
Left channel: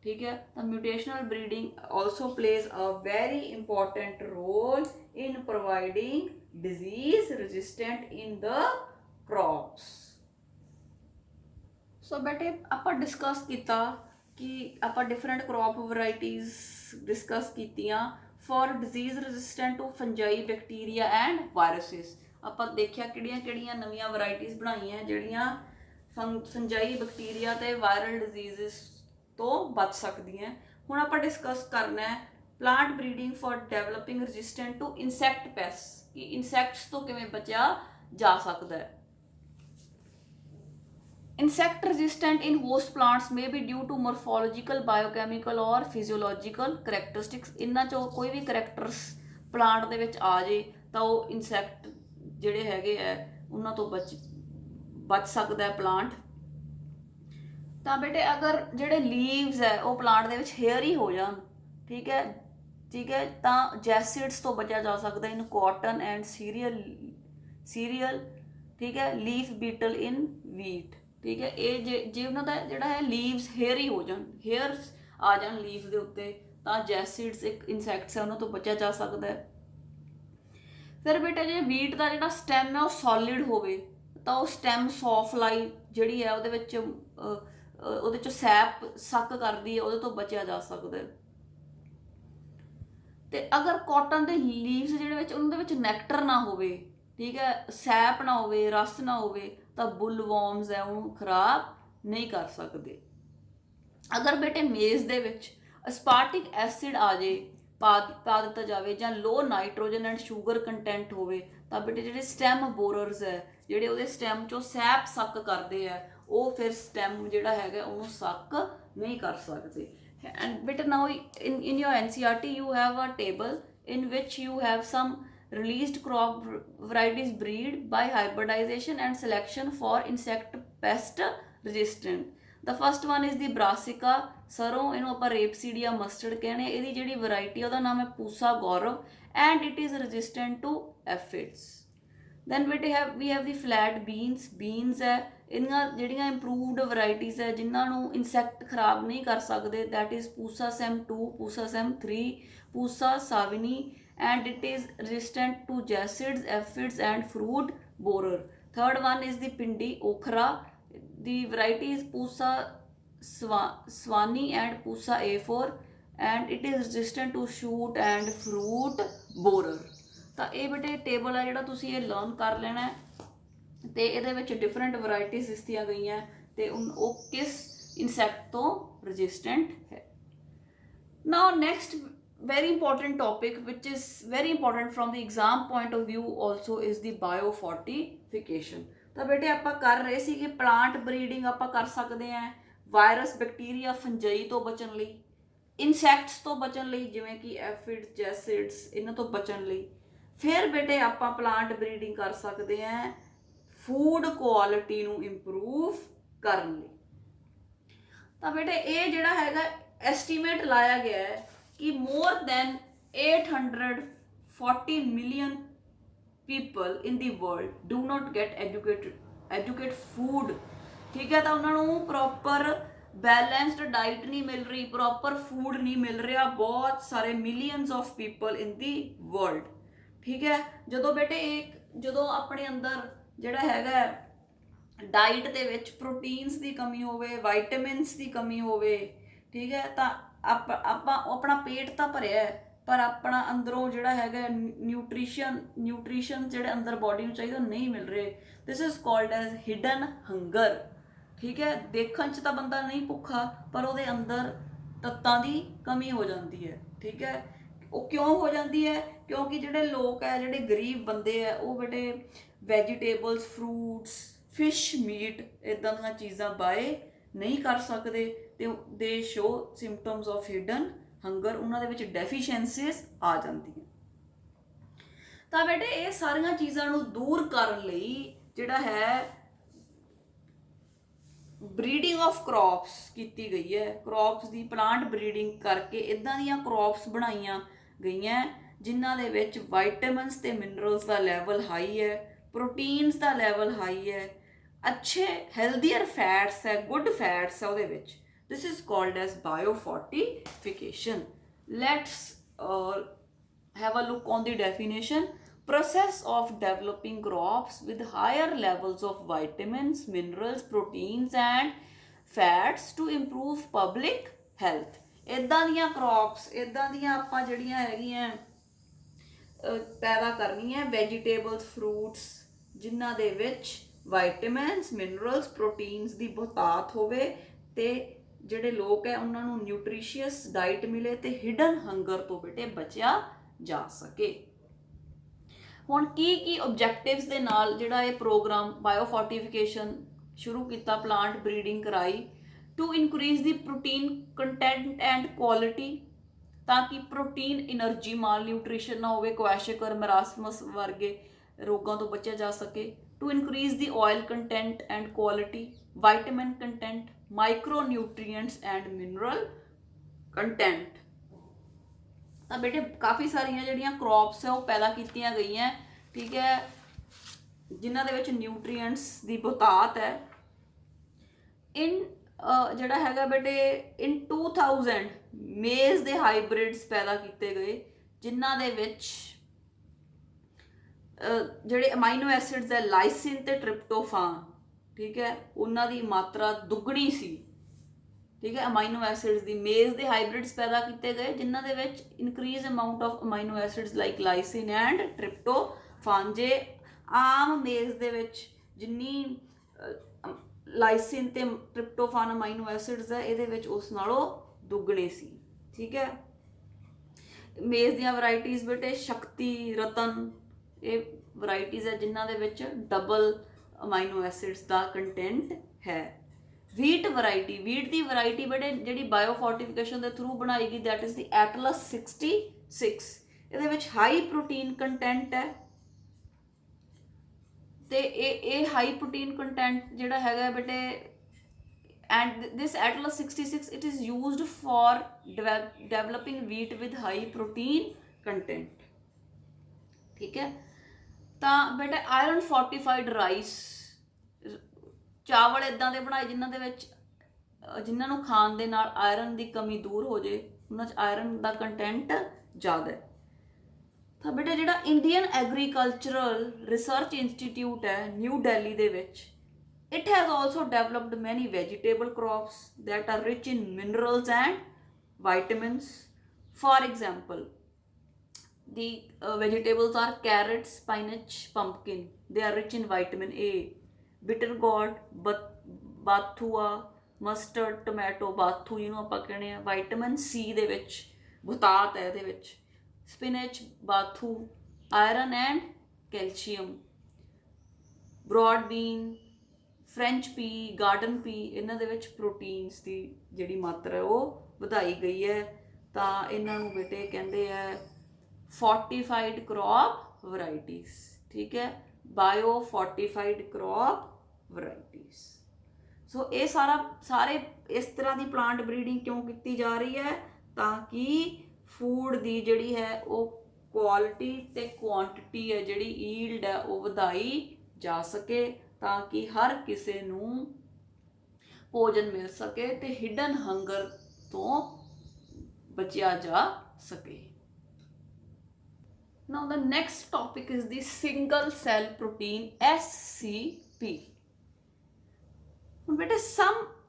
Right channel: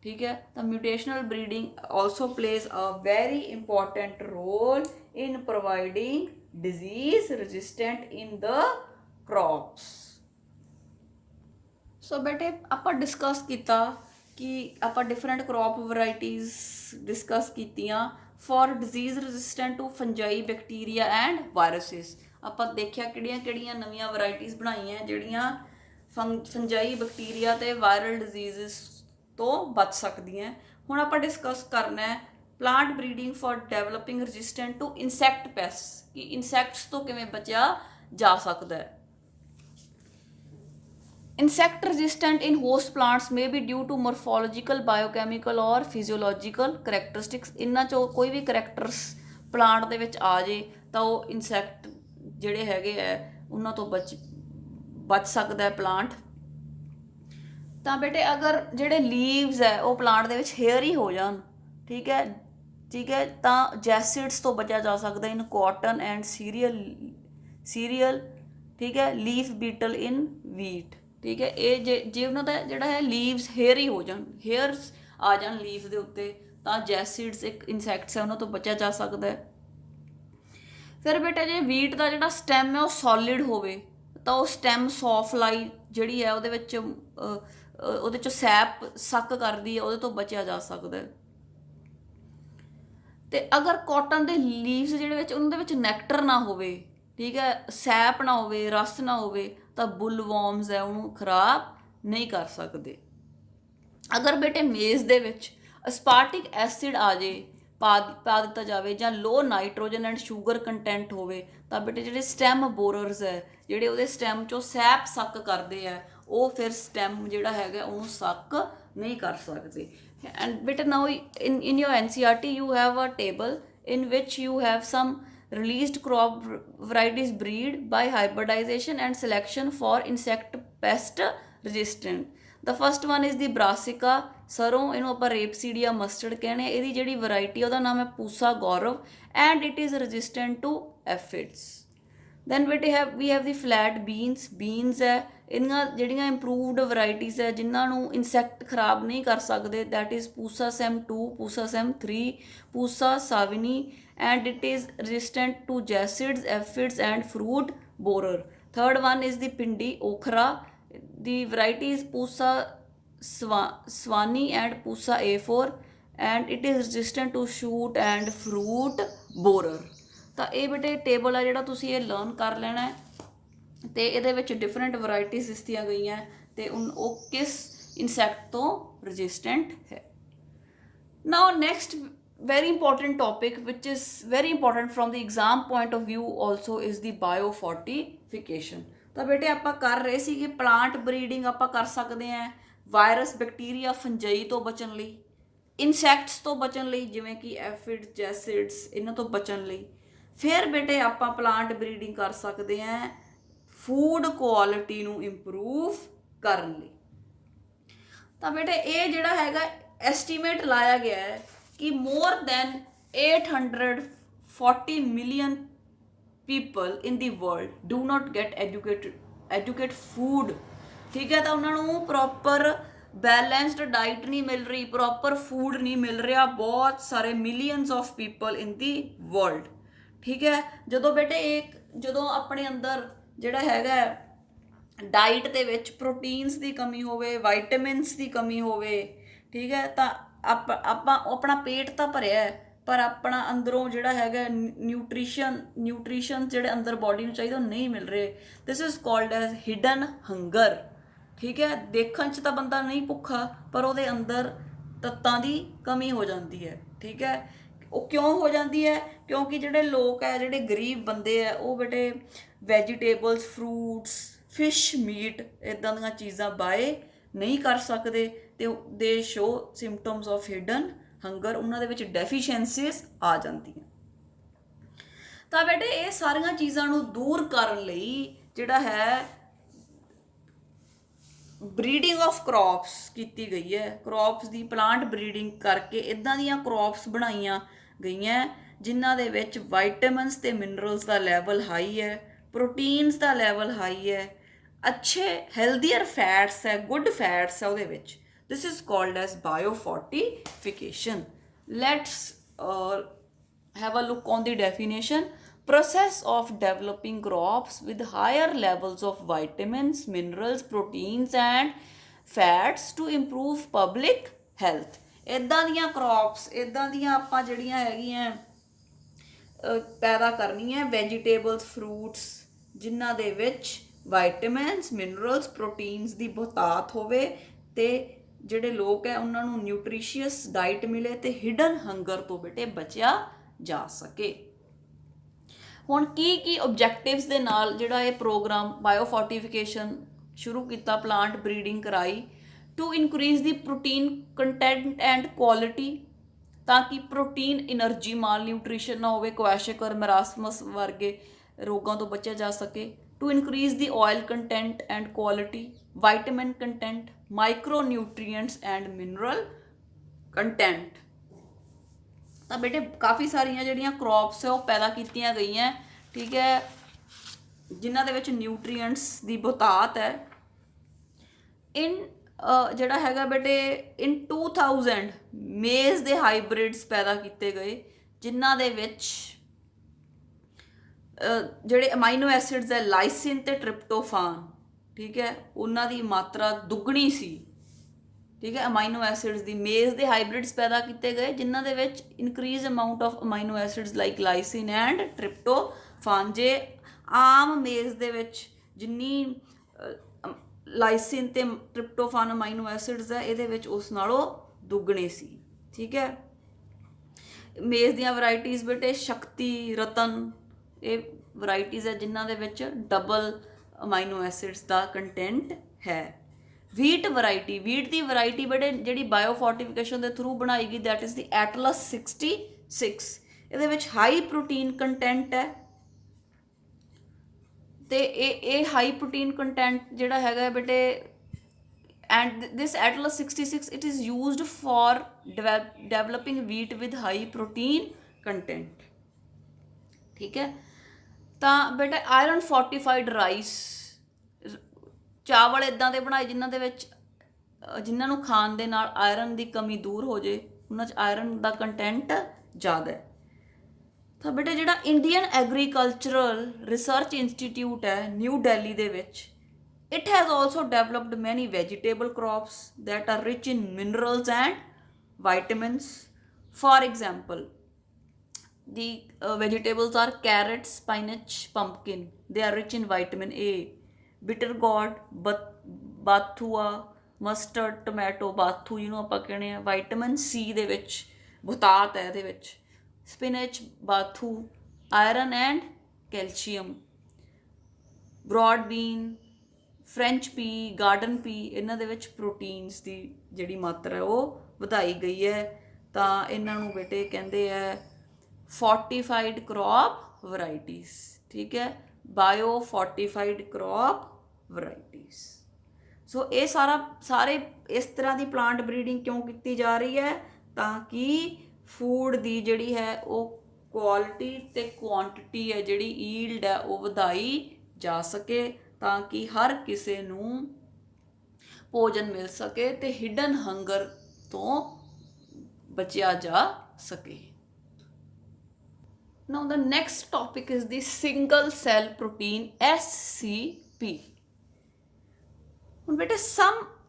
ਠੀਕ ਹੈ। ਤਾਂ mutational breeding also plays a very important role in providing disease resistant in the crops। So ਬੇਟੇ ਆਪਾਂ ਡਿਸਕਸ ਕੀਤਾ ਕਿ ਆਪਾਂ ਡਿਫਰੈਂਟ ਕ੍ਰੌਪ ਵੈਰਾਈਟੀਜ਼ ਡਿਸਕਸ ਕੀਤੀਆਂ for disease resistant to fungi, bacteria and viruses. ਆਪਾਂ ਦੇਖਿਆ ਕਿਹੜੀਆਂ ਕਿਹੜੀਆਂ ਨਵੀਆਂ ਵੈਰਾਈਟੀਜ਼ ਬਣਾਈਆਂ ਜਿਹੜੀਆਂ ਫੰਜਾਈ, ਬੈਕਟੀਰੀਆ ਅਤੇ ਵਾਇਰਲ ਡਿਜ਼ੀਜ਼ਸ ਤੋਂ ਬਚ ਸਕਦੀਆਂ। ਹੁਣ ਆਪਾਂ ਡਿਸਕਸ ਕਰਨਾ ਹੈ plant breeding for developing resistant to insect pest, ਕਿ ਇਨਸੈਕਟਸ ਤੋਂ ਕਿਵੇਂ ਬਚਿਆ ਜਾ ਸਕਦਾ ਹੈ। Insect resistant in host plants may be due to morphological, biochemical or physiological characteristics. ਇਹਨਾਂ 'ਚੋਂ ਕੋਈ ਵੀ ਕਰੈਕਟਰਸ ਪਲਾਂਟ ਦੇ ਵਿੱਚ ਆ ਜੇ ਤਾਂ ਉਹ ਇਨਸੈਕਟ ਜਿਹੜੇ ਹੈਗੇ ਹੈ ਉਹਨਾਂ ਤੋਂ ਬਚ ਸਕਦਾ ਹੈ ਪਲਾਂਟ। ਤਾਂ ਬੇਟੇ ਅਗਰ ਜਿਹੜੇ ਲੀਵਸ ਹੈ ਉਹ ਪਲਾਂਟ ਦੇ ਵਿੱਚ ਹੇਅਰੀ ਹੋ ਜਾਣ, ਠੀਕ ਹੈ, ਤਾਂ ਜੈਸਿਡਸ ਤੋਂ ਬਚਿਆ ਜਾ ਸਕਦਾ ਇਨ ਕਾਟਨ ਐਂਡ ਸੀਰੀਅਲ, ਠੀਕ ਹੈ, ਲੀਫ ਬੀਟਲ ਇਨ ਵੀਟ, ਠੀਕ ਹੈ। ਇਹ ਜੇ ਉਹਨਾਂ ਦਾ ਜਿਹੜਾ ਹੈ ਲੀਵਸ ਹੇਅਰੀ ਹੋ ਜਾਣ, ਹੇਅਰਸ ਆ ਜਾਣ ਲੀਵਸ ਦੇ ਉੱਤੇ, ਤਾਂ ਜੈਸਿਡਸ ਇੱਕ ਇਨਸੈਕਟਸ ਹੈ ਉਹਨਾਂ ਤੋਂ ਬਚਿਆ ਜਾ ਸਕਦਾ ਹੈ। ਫਿਰ ਬੇਟਾ ਜੇ ਵੀਟ ਦਾ ਜਿਹੜਾ ਸਟੈਮ ਹੈ ਉਹ ਸੋਲਿਡ ਹੋਵੇ ਤਾਂ ਉਹ ਸਟੈਮ ਸੌਫਲਾਈ ਜਿਹੜੀ ਹੈ ਉਹਦੇ 'ਚੋਂ ਸੈਪ ਸੱਕ ਕਰਦੀ ਹੈ, ਉਹਦੇ ਤੋਂ ਬਚਿਆ ਜਾ ਸਕਦਾ ਹੈ। ਅਤੇ ਅਗਰ ਕਾਟਨ ਦੇ ਲੀਵਸ ਜਿਹੜੇ ਵਿੱਚ ਉਹਨਾਂ ਦੇ ਵਿੱਚ ਨੈਕਟਰ ਨਾ ਹੋਵੇ, ਠੀਕ ਹੈ, ਸੈਪ ਨਾ ਹੋਵੇ, ਰਸ ਨਾ ਹੋਵੇ, ਤਾਂ ਬੁੱਲਵੋਰਮਸ ਹੈ ਉਹਨੂੰ ਖਰਾਬ ਨਹੀਂ ਕਰ ਸਕਦੇ। ਅਗਰ ਬੇਟੇ ਮੇਜ਼ ਦੇ ਵਿੱਚ ਅਸਪਾਰਟਿਕ ਐਸਿਡ ਆ ਜੇ, ਪਾ ਦਿੱਤਾ ਜਾਵੇ, ਜਾਂ ਲੋ ਨਾਈਟ੍ਰੋਜਨ ਐਂਡ ਸ਼ੂਗਰ ਕੰਟੈਂਟ ਹੋਵੇ, ਤਾਂ ਬੇਟੇ ਜਿਹੜੇ ਸਟੈਮ ਬੋਰਰਸ ਹੈ ਜਿਹੜੇ ਉਹਦੇ ਸਟੈਮ 'ਚੋਂ ਸੈਪ ਸੱਕ ਕਰਦੇ ਆ, ਉਹ ਫਿਰ ਸਟੈਮ ਜਿਹੜਾ ਹੈਗਾ ਉਹਨੂੰ ਸੱਕ ਨਹੀਂ ਕਰ ਸਕਦੇ। And better now in your NCERT you have a table in which you have some released crop varieties breed by hybridization and selection for insect pest resistant। The first one is the brassica सरों, इनू ਆਪਾਂ ਰੇਪਸੀਡੀਆ mustard ਕਹਿੰਦੇ। ਇਹਦੀ ਜਿਹੜੀ variety ਉਹਦਾ ਨਾਮ ਹੈ Pusa Gaurav and it is resistant to aphids. Then ਬੇਟੇ we have the flat beans ਹੈ, ਇਹਨਾਂ ਜਿਹੜੀਆਂ ਇੰਪਰੂਵਡ ਵੈਰਾਈਟੀਜ਼ ਹੈ ਜਿਨ੍ਹਾਂ ਨੂੰ ਇਨਸੈਕਟ ਖਰਾਬ ਨਹੀਂ ਕਰ ਸਕਦੇ, that is Pusa Sem 2, Pusa Sem 3, Pusa Sawani and it is resistant to jacids, aphids and fruit borer. Third one is the pindi okra. The variety is Pusa swani and Pusa A4 and it is resistant to shoot and fruit borer. ਤਾਂ ਇਹ ਬੇਟੇ table ਹੈ ਜਿਹੜਾ ਤੁਸੀਂ ਇਹ learn ਕਰ ਲੈਣਾ ਹੈ ਤੇ ਇਹਦੇ ਵਿੱਚ ਡਿਫਰੈਂਟ ਵੈਰਾਈਟੀਜ਼ ਦਿੱਤੀਆਂ ਗਈਆਂ ਤੇ ਉਹ ਕਿਸ ਇਨਸੈਕਟ ਤੋਂ ਰੈਜ਼ਿਸਟੈਂਟ ਹੈ। Now next very important topic which is very important from the exam point of view also is the biofortification। ਤਾਂ ਬੇਟੇ ਆਪਾਂ ਕਰ ਰਹੇ ਸੀ ਕਿ ਪਲਾਂਟ ਬਰੀਡਿੰਗ ਆਪਾਂ ਕਰ ਸਕਦੇ ਹਾਂ ਵਾਇਰਸ ਬੈਕਟੀਰੀਆ ਫੰਜਈ ਤੋਂ ਬਚਣ ਲਈ, ਇਨਸੈਕਟਸ ਤੋਂ ਬਚਣ ਲਈ ਜਿਵੇਂ ਕਿ ਐਫਿਡ ਜੈਸਿਡਸ ਇਹਨਾਂ ਤੋਂ ਬਚਣ ਲਈ। ਫਿਰ ਬੇਟੇ ਆਪਾਂ ਪਲਾਂਟ ਬਰੀਡਿੰਗ ਕਰ ਸਕਦੇ ਹਾਂ ਫੂਡ ਕੁਆਲਿਟੀ ਨੂੰ ਇੰਪਰੂਵ ਕਰਨ ਲਈ। ਤਾਂ ਬੇਟੇ ਇਹ ਜਿਹੜਾ ਹੈਗਾ ਐਸਟੀਮੇਟ ਲਾਇਆ ਗਿਆ ਹੈ कि more than 840 million people in the world do not get educated food। ठीक है, ਤਾਂ ਉਹਨਾਂ ਨੂੰ ਪ੍ਰੋਪਰ ਬੈਲੈਂਸਡ ਡਾਈਟ ਨਹੀਂ ਮਿਲ ਰਹੀ, ਪ੍ਰੋਪਰ ਫੂਡ ਨਹੀਂ ਮਿਲ ਰਿਹਾ, ਬਹੁਤ ਸਾਰੇ millions of people in the world. ਠੀਕ ਹੈ, ਜਦੋਂ ਬੇਟੇ ਜਦੋਂ ਆਪਣੇ ਅੰਦਰ ਜਿਹੜਾ ਹੈਗਾ ਡਾਈਟ ਦੇ ਵਿੱਚ ਪ੍ਰੋਟੀਨਸ ਦੀ ਕਮੀ ਹੋਵੇ, ਵਾਈਟਾਮਿਨਸ ਦੀ ਕਮੀ ਹੋਵੇ, ਠੀਕ ਹੈ, ਤਾਂ ਆਪਾਂ ਆਪਣਾ ਪੇਟ ਤਾਂ ਭਰਿਆ ਪਰ ਆਪਣਾ ਅੰਦਰੋਂ ਜਿਹੜਾ ਹੈਗਾ ਨਿਊਟ੍ਰੀਸ਼ਨ ਜਿਹੜੇ ਅੰਦਰ ਬੋਡੀ ਨੂੰ ਚਾਹੀਦਾ ਉਹ ਨਹੀਂ ਮਿਲ ਰਹੇ। This is called as hidden hunger. ਠੀਕ ਹੈ, ਦੇਖਣ 'ਚ ਤਾਂ ਬੰਦਾ ਨਹੀਂ ਭੁੱਖਾ ਪਰ ਉਹਦੇ ਅੰਦਰ ਤੱਤਾਂ ਦੀ ਕਮੀ ਹੋ ਜਾਂਦੀ ਹੈ। ਠੀਕ ਹੈ, ਉਹ ਕਿਉਂ ਹੋ ਜਾਂਦੀ ਹੈ? ਕਿਉਂਕਿ ਜਿਹੜੇ ਲੋਕ ਹੈ, ਜਿਹੜੇ ਗਰੀਬ ਬੰਦੇ ਹੈ, ਉਹ ਬੇਟੇ ਵੈਜੀਟੇਬਲਸ, ਫਰੂਟਸ, ਫਿਸ਼, ਮੀਟ ਇੱਦਾਂ ਦੀਆਂ ਚੀਜ਼ਾਂ ਬਾਏ ਨਹੀਂ ਕਰ ਸਕਦੇ ਤੇ ਦੇ show symptoms of hidden hunger, ਉਹਨਾਂ ਦੇ ਵਿੱਚ ਡੈਫੀਸ਼ੀਐਂਸੀਜ਼ ਆ ਜਾਂਦੀਆਂ। ਤਾਂ ਬੇਟੇ ਇਹ ਸਾਰੀਆਂ ਚੀਜ਼ਾਂ ਨੂੰ ਦੂਰ ਕਰਨ ਲਈ ਜਿਹੜਾ ਹੈ ਬਰੀਡਿੰਗ ਆਫ ਕ੍ਰੌਪਸ ਕੀਤੀ ਗਈ ਹੈ। ਕ੍ਰੌਪਸ ਦੀ ਪਲਾਂਟ ਬਰੀਡਿੰਗ ਕਰਕੇ ਇੱਦਾਂ ਦੀਆਂ ਕ੍ਰੌਪਸ ਬਣਾਈਆਂ ਗਈਆਂ ਜਿਨ੍ਹਾਂ ਦੇ ਵਿੱਚ ਵਾਈਟਾਮਿਨਸ ਤੇ ਮਿਨਰਲਸ ਦਾ ਲੈਵਲ ਹਾਈ ਹੈ, ਪ੍ਰੋਟੀਨਸ ਦਾ ਲੈਵਲ ਹਾਈ ਹੈ, अच्छे हेल्दियर फैट्स है, गुड फैट्स है ਉਹਦੇ ਵਿੱਚ। This is called as biofortification. Let's have a look on the definition। process of developing crops with higher levels of vitamins, minerals, proteins and fats to improve public health। ਇੱਦਾਂ ਦੀਆਂ crops, ਇੱਦਾਂ ਦੀਆਂ ਆਪਾਂ ਜਿਹੜੀਆਂ ਹੈਗੀਆਂ ਪੈਦਾ ਕਰਨੀਆਂ ਵੈਜੀਟੇਬਲਸ, ਫਰੂਟਸ ਜਿਨ੍ਹਾਂ ਦੇ ਵਿੱਚ ਵਾਈਟਾਮਿਨਸ, ਮਿਨਰਲਸ, ਪ੍ਰੋਟੀਨਸ ਦੀ ਬਹੁਤਾਤ ਹੋਵੇ ਤੇ ਜਿਹੜੇ ਲੋਕ ਹੈ ਉਹਨਾਂ ਨੂੰ ਨਿਊਟ੍ਰੀਸ਼ੀਅਸ ਡਾਈਟ ਮਿਲੇ ਤੇ ਹਿਡਨ ਹੰਗਰ ਤੋਂ ਬੇਟੇ ਬਚਿਆ ਜਾ ਸਕੇ। ਹੁਣ ਕੀ ਆਬਜੈਕਟਿਵਸ ਦੇ ਨਾਲ ਜਿਹੜਾ ਇਹ ਪ੍ਰੋਗਰਾਮ ਬਾਇਓਫੋਰਟੀਫਿਕੇਸ਼ਨ ਸ਼ੁਰੂ ਕੀਤਾ, ਪਲਾਂਟ ਬਰੀਡਿੰਗ ਕਰਾਈ to increase the protein content and quality, ਤਾਂ ਕਿ ਪ੍ਰੋਟੀਨ એનર્ਜੀ ਮਾਲ ਨਿਊਟ੍ਰੀਸ਼ਨ ਨਾ ਹੋਵੇ, ਕੁਐਸ਼ਕਰ, ਮਰਾਸਮਸ ਵਰਗੇ ਰੋਗਾਂ ਤੋਂ ਬਚਿਆ ਜਾ ਸਕੇ। to increase the oil content and quality, vitamin content, micronutrients and mineral content। ਤਾਂ ਬੇਟੇ ਕਾਫੀ ਸਾਰੀਆਂ ਜਿਹੜੀਆਂ ਕ੍ਰੌਪਸ ਹੈ ਉਹ ਪੈਦਾ ਕੀਤੀਆਂ ਗਈਆਂ। ਠੀਕ ਹੈ, ਜਿਨ੍ਹਾਂ ਦੇ ਵਿੱਚ ਨਿਊਟ੍ਰੀਐਂਟਸ ਦੀ ਬਹੁਤਾਤ ਹੈ। ਜਿਹੜਾ ਹੈਗਾ ਬੇਟੇ in 2000 ਮੇਜ਼ ਦੇ ਹਾਈਬ੍ਰਿਡਸ ਪੈਦਾ ਕੀਤੇ ਗਏ ਜਿਨ੍ਹਾਂ ਦੇ ਵਿੱਚ ਜਿਹੜੇ ਅਮਾਈਨੋ ਐਸਿਡਸ ਹੈ ਲਾਈਸਿਨ ਤੇ ਟ੍ਰਿਪਟੋਫਾਨ, ਠੀਕ ਹੈ, ਉਹਨਾਂ ਦੀ ਮਾਤਰਾ ਦੁੱਗਣੀ ਸੀ। ਠੀਕ ਹੈ, ਅਮਾਈਨੋ ਐਸਿਡਸ ਦੀ ਮੇਜ਼ ਦੇ ਹਾਈਬ੍ਰਿਡਸ ਪੈਦਾ ਕੀਤੇ ਗਏ ਜਿਨ੍ਹਾਂ ਦੇ ਵਿੱਚ increase amount of amino acids like lysine and tryptophan. ਜੇ ਆਮ ਮੇਜ਼ ਦੇ ਵਿੱਚ ਜਿੰਨੀ ਲਾਈਸਿਨ ਤੇ ਟ੍ਰਿਪਟੋਫਾਨ ਅਮਾਈਨੋ ਐਸਿਡਸ ਹੈ ਇਹਦੇ ਵਿੱਚ ਉਸ ਨਾਲੋਂ ਦੁੱਗਣੇ ਸੀ। ਠੀਕ ਹੈ, ਮੇਜ਼ ਦੀਆਂ ਵੈਰਾਈਟੀਜ਼ ਬੇਟੇ ਸ਼ਕਤੀ, ਰਤਨ, ਇਹ ਵੈਰਾਈਟੀਜ਼ ਹੈ ਜਿਨ੍ਹਾਂ ਦੇ ਵਿੱਚ ਡਬਲ ਅਮਾਈਨੋ ਐਸਿਡਸ ਦਾ ਕੰਟੈਂਟ ਹੈ। ਵੀਟ ਵੈਰਾਈਟੀ, ਵੀਟ ਦੀ ਵੈਰਾਈਟੀ ਬੇਟੇ ਜਿਹੜੀ ਬਾਇਓਫੋਰਟੀਫਿਕੇਸ਼ਨ ਦੇ ਥਰੂ ਬਣਾਈ ਗਈ ਦੈਟ ਇਜ਼ ਦੀ ਐਟਲਸ 66। ਇਹਦੇ ਵਿੱਚ ਹਾਈ ਪ੍ਰੋਟੀਨ ਕੰਟੈਂਟ ਹੈ ਤੇ ਇਹ ਹਾਈ ਪ੍ਰੋਟੀਨ ਕੰਟੈਂਟ ਜਿਹੜਾ ਹੈਗਾ ਬੇਟੇ and this Atlas 66, it is used for developing wheat with high protein content, ठीक है। ਤਾਂ ਬੇਟਾ ਆਇਰਨ ਫੋਰਟੀਫਾਈਡ ਰਾਈਸ, ਚਾਵਲ ਇਦਾਂ ਦੇ ਬਣਾਏ ਜਿਨ੍ਹਾਂ ਦੇ ਵਿੱਚ ਜਿਨ੍ਹਾਂ ਨੂੰ ਖਾਣ ਦੇ ਨਾਲ ਆਇਰਨ ਦੀ ਕਮੀ ਦੂਰ ਹੋ ਜੇ, ਉਹਨਾਂ 'ਚ ਆਇਰਨ ਦਾ ਕੰਟੈਂਟ ਜ਼ਿਆਦਾ ਹੈ। ਤਾਂ ਬੇਟਾ ਜਿਹੜਾ ਇੰਡੀਅਨ ਐਗਰੀਕਲਚਰਲ ਰਿਸਰਚ ਇੰਸਟੀਟਿਊਟ ਹੈ ਨਿਊ ਦਿੱਲੀ ਦੇ ਵਿੱਚ, it has also developed many vegetable crops that are rich in minerals and vitamins. For example, the vegetables are carrot, spinach, pumpkin. They are rich in vitamin A, bitter gourd, bathua, mustard, tomato, bathu ਜਿਹਨੂੰ ਆਪਾਂ ਕਹਿੰਦੇ ਆ, vitamin C ਦੇ ਵਿੱਚ ਬਤਾਤ ਹੈ ਇਹਦੇ ਵਿੱਚ, spinach, bathu, iron and calcium, broad bean, French pea, garden pea, ਇਹਨਾਂ ਦੇ ਵਿੱਚ ਪ੍ਰੋਟੀਨਸ ਦੀ ਜਿਹੜੀ ਮਾਤਰਾ ਉਹ ਵਧਾਈ ਗਈ ਹੈ। ਤਾਂ ਇਹਨਾਂ ਨੂੰ ਬੇਟੇ ਕਹਿੰਦੇ ਹੈ ਫੋਰਟੀਫਾਈਡ ਕ੍ਰੌਪ ਵਰਾਇਟੀਜ਼, ਠੀਕ ਹੈ, ਬਾਇਓ ਫੋਰਟੀਫਾਈਡ ਕ੍ਰੌਪ ਵਰਾਇਟੀਜ਼। ਸੋ ਇਹ ਸਾਰੇ ਇਸ ਤਰ੍ਹਾਂ ਦੀ ਪਲਾਂਟ ਬਰੀਡਿੰਗ ਕਿਉਂ ਕੀਤੀ ਜਾ ਰਹੀ ਹੈ, ਤਾਂ ਕਿ ਫੂਡ ਦੀ ਜਿਹੜੀ ਹੈ ਉਹ ਕੁਆਲਿਟੀ ਤੇ ਕੁਆਂਟਿਟੀ ਹੈ, ਜਿਹੜੀ ਈਲਡ ਹੈ ਉਹ ਵਧਾਈ ਜਾ ਸਕੇ, ਤਾਂ ਕਿ ਹਰ ਕਿਸੇ ਨੂੰ ਭੋਜਨ ਮਿਲ ਸਕੇ ਤੇ ਹਿਡਨ ਹੰਗਰ ਤੋਂ ਬਚਿਆ ਜਾ ਸਕੇ। Now the next topic is the single cell protein SCP। ਹੁਣ ਬੇਟੇ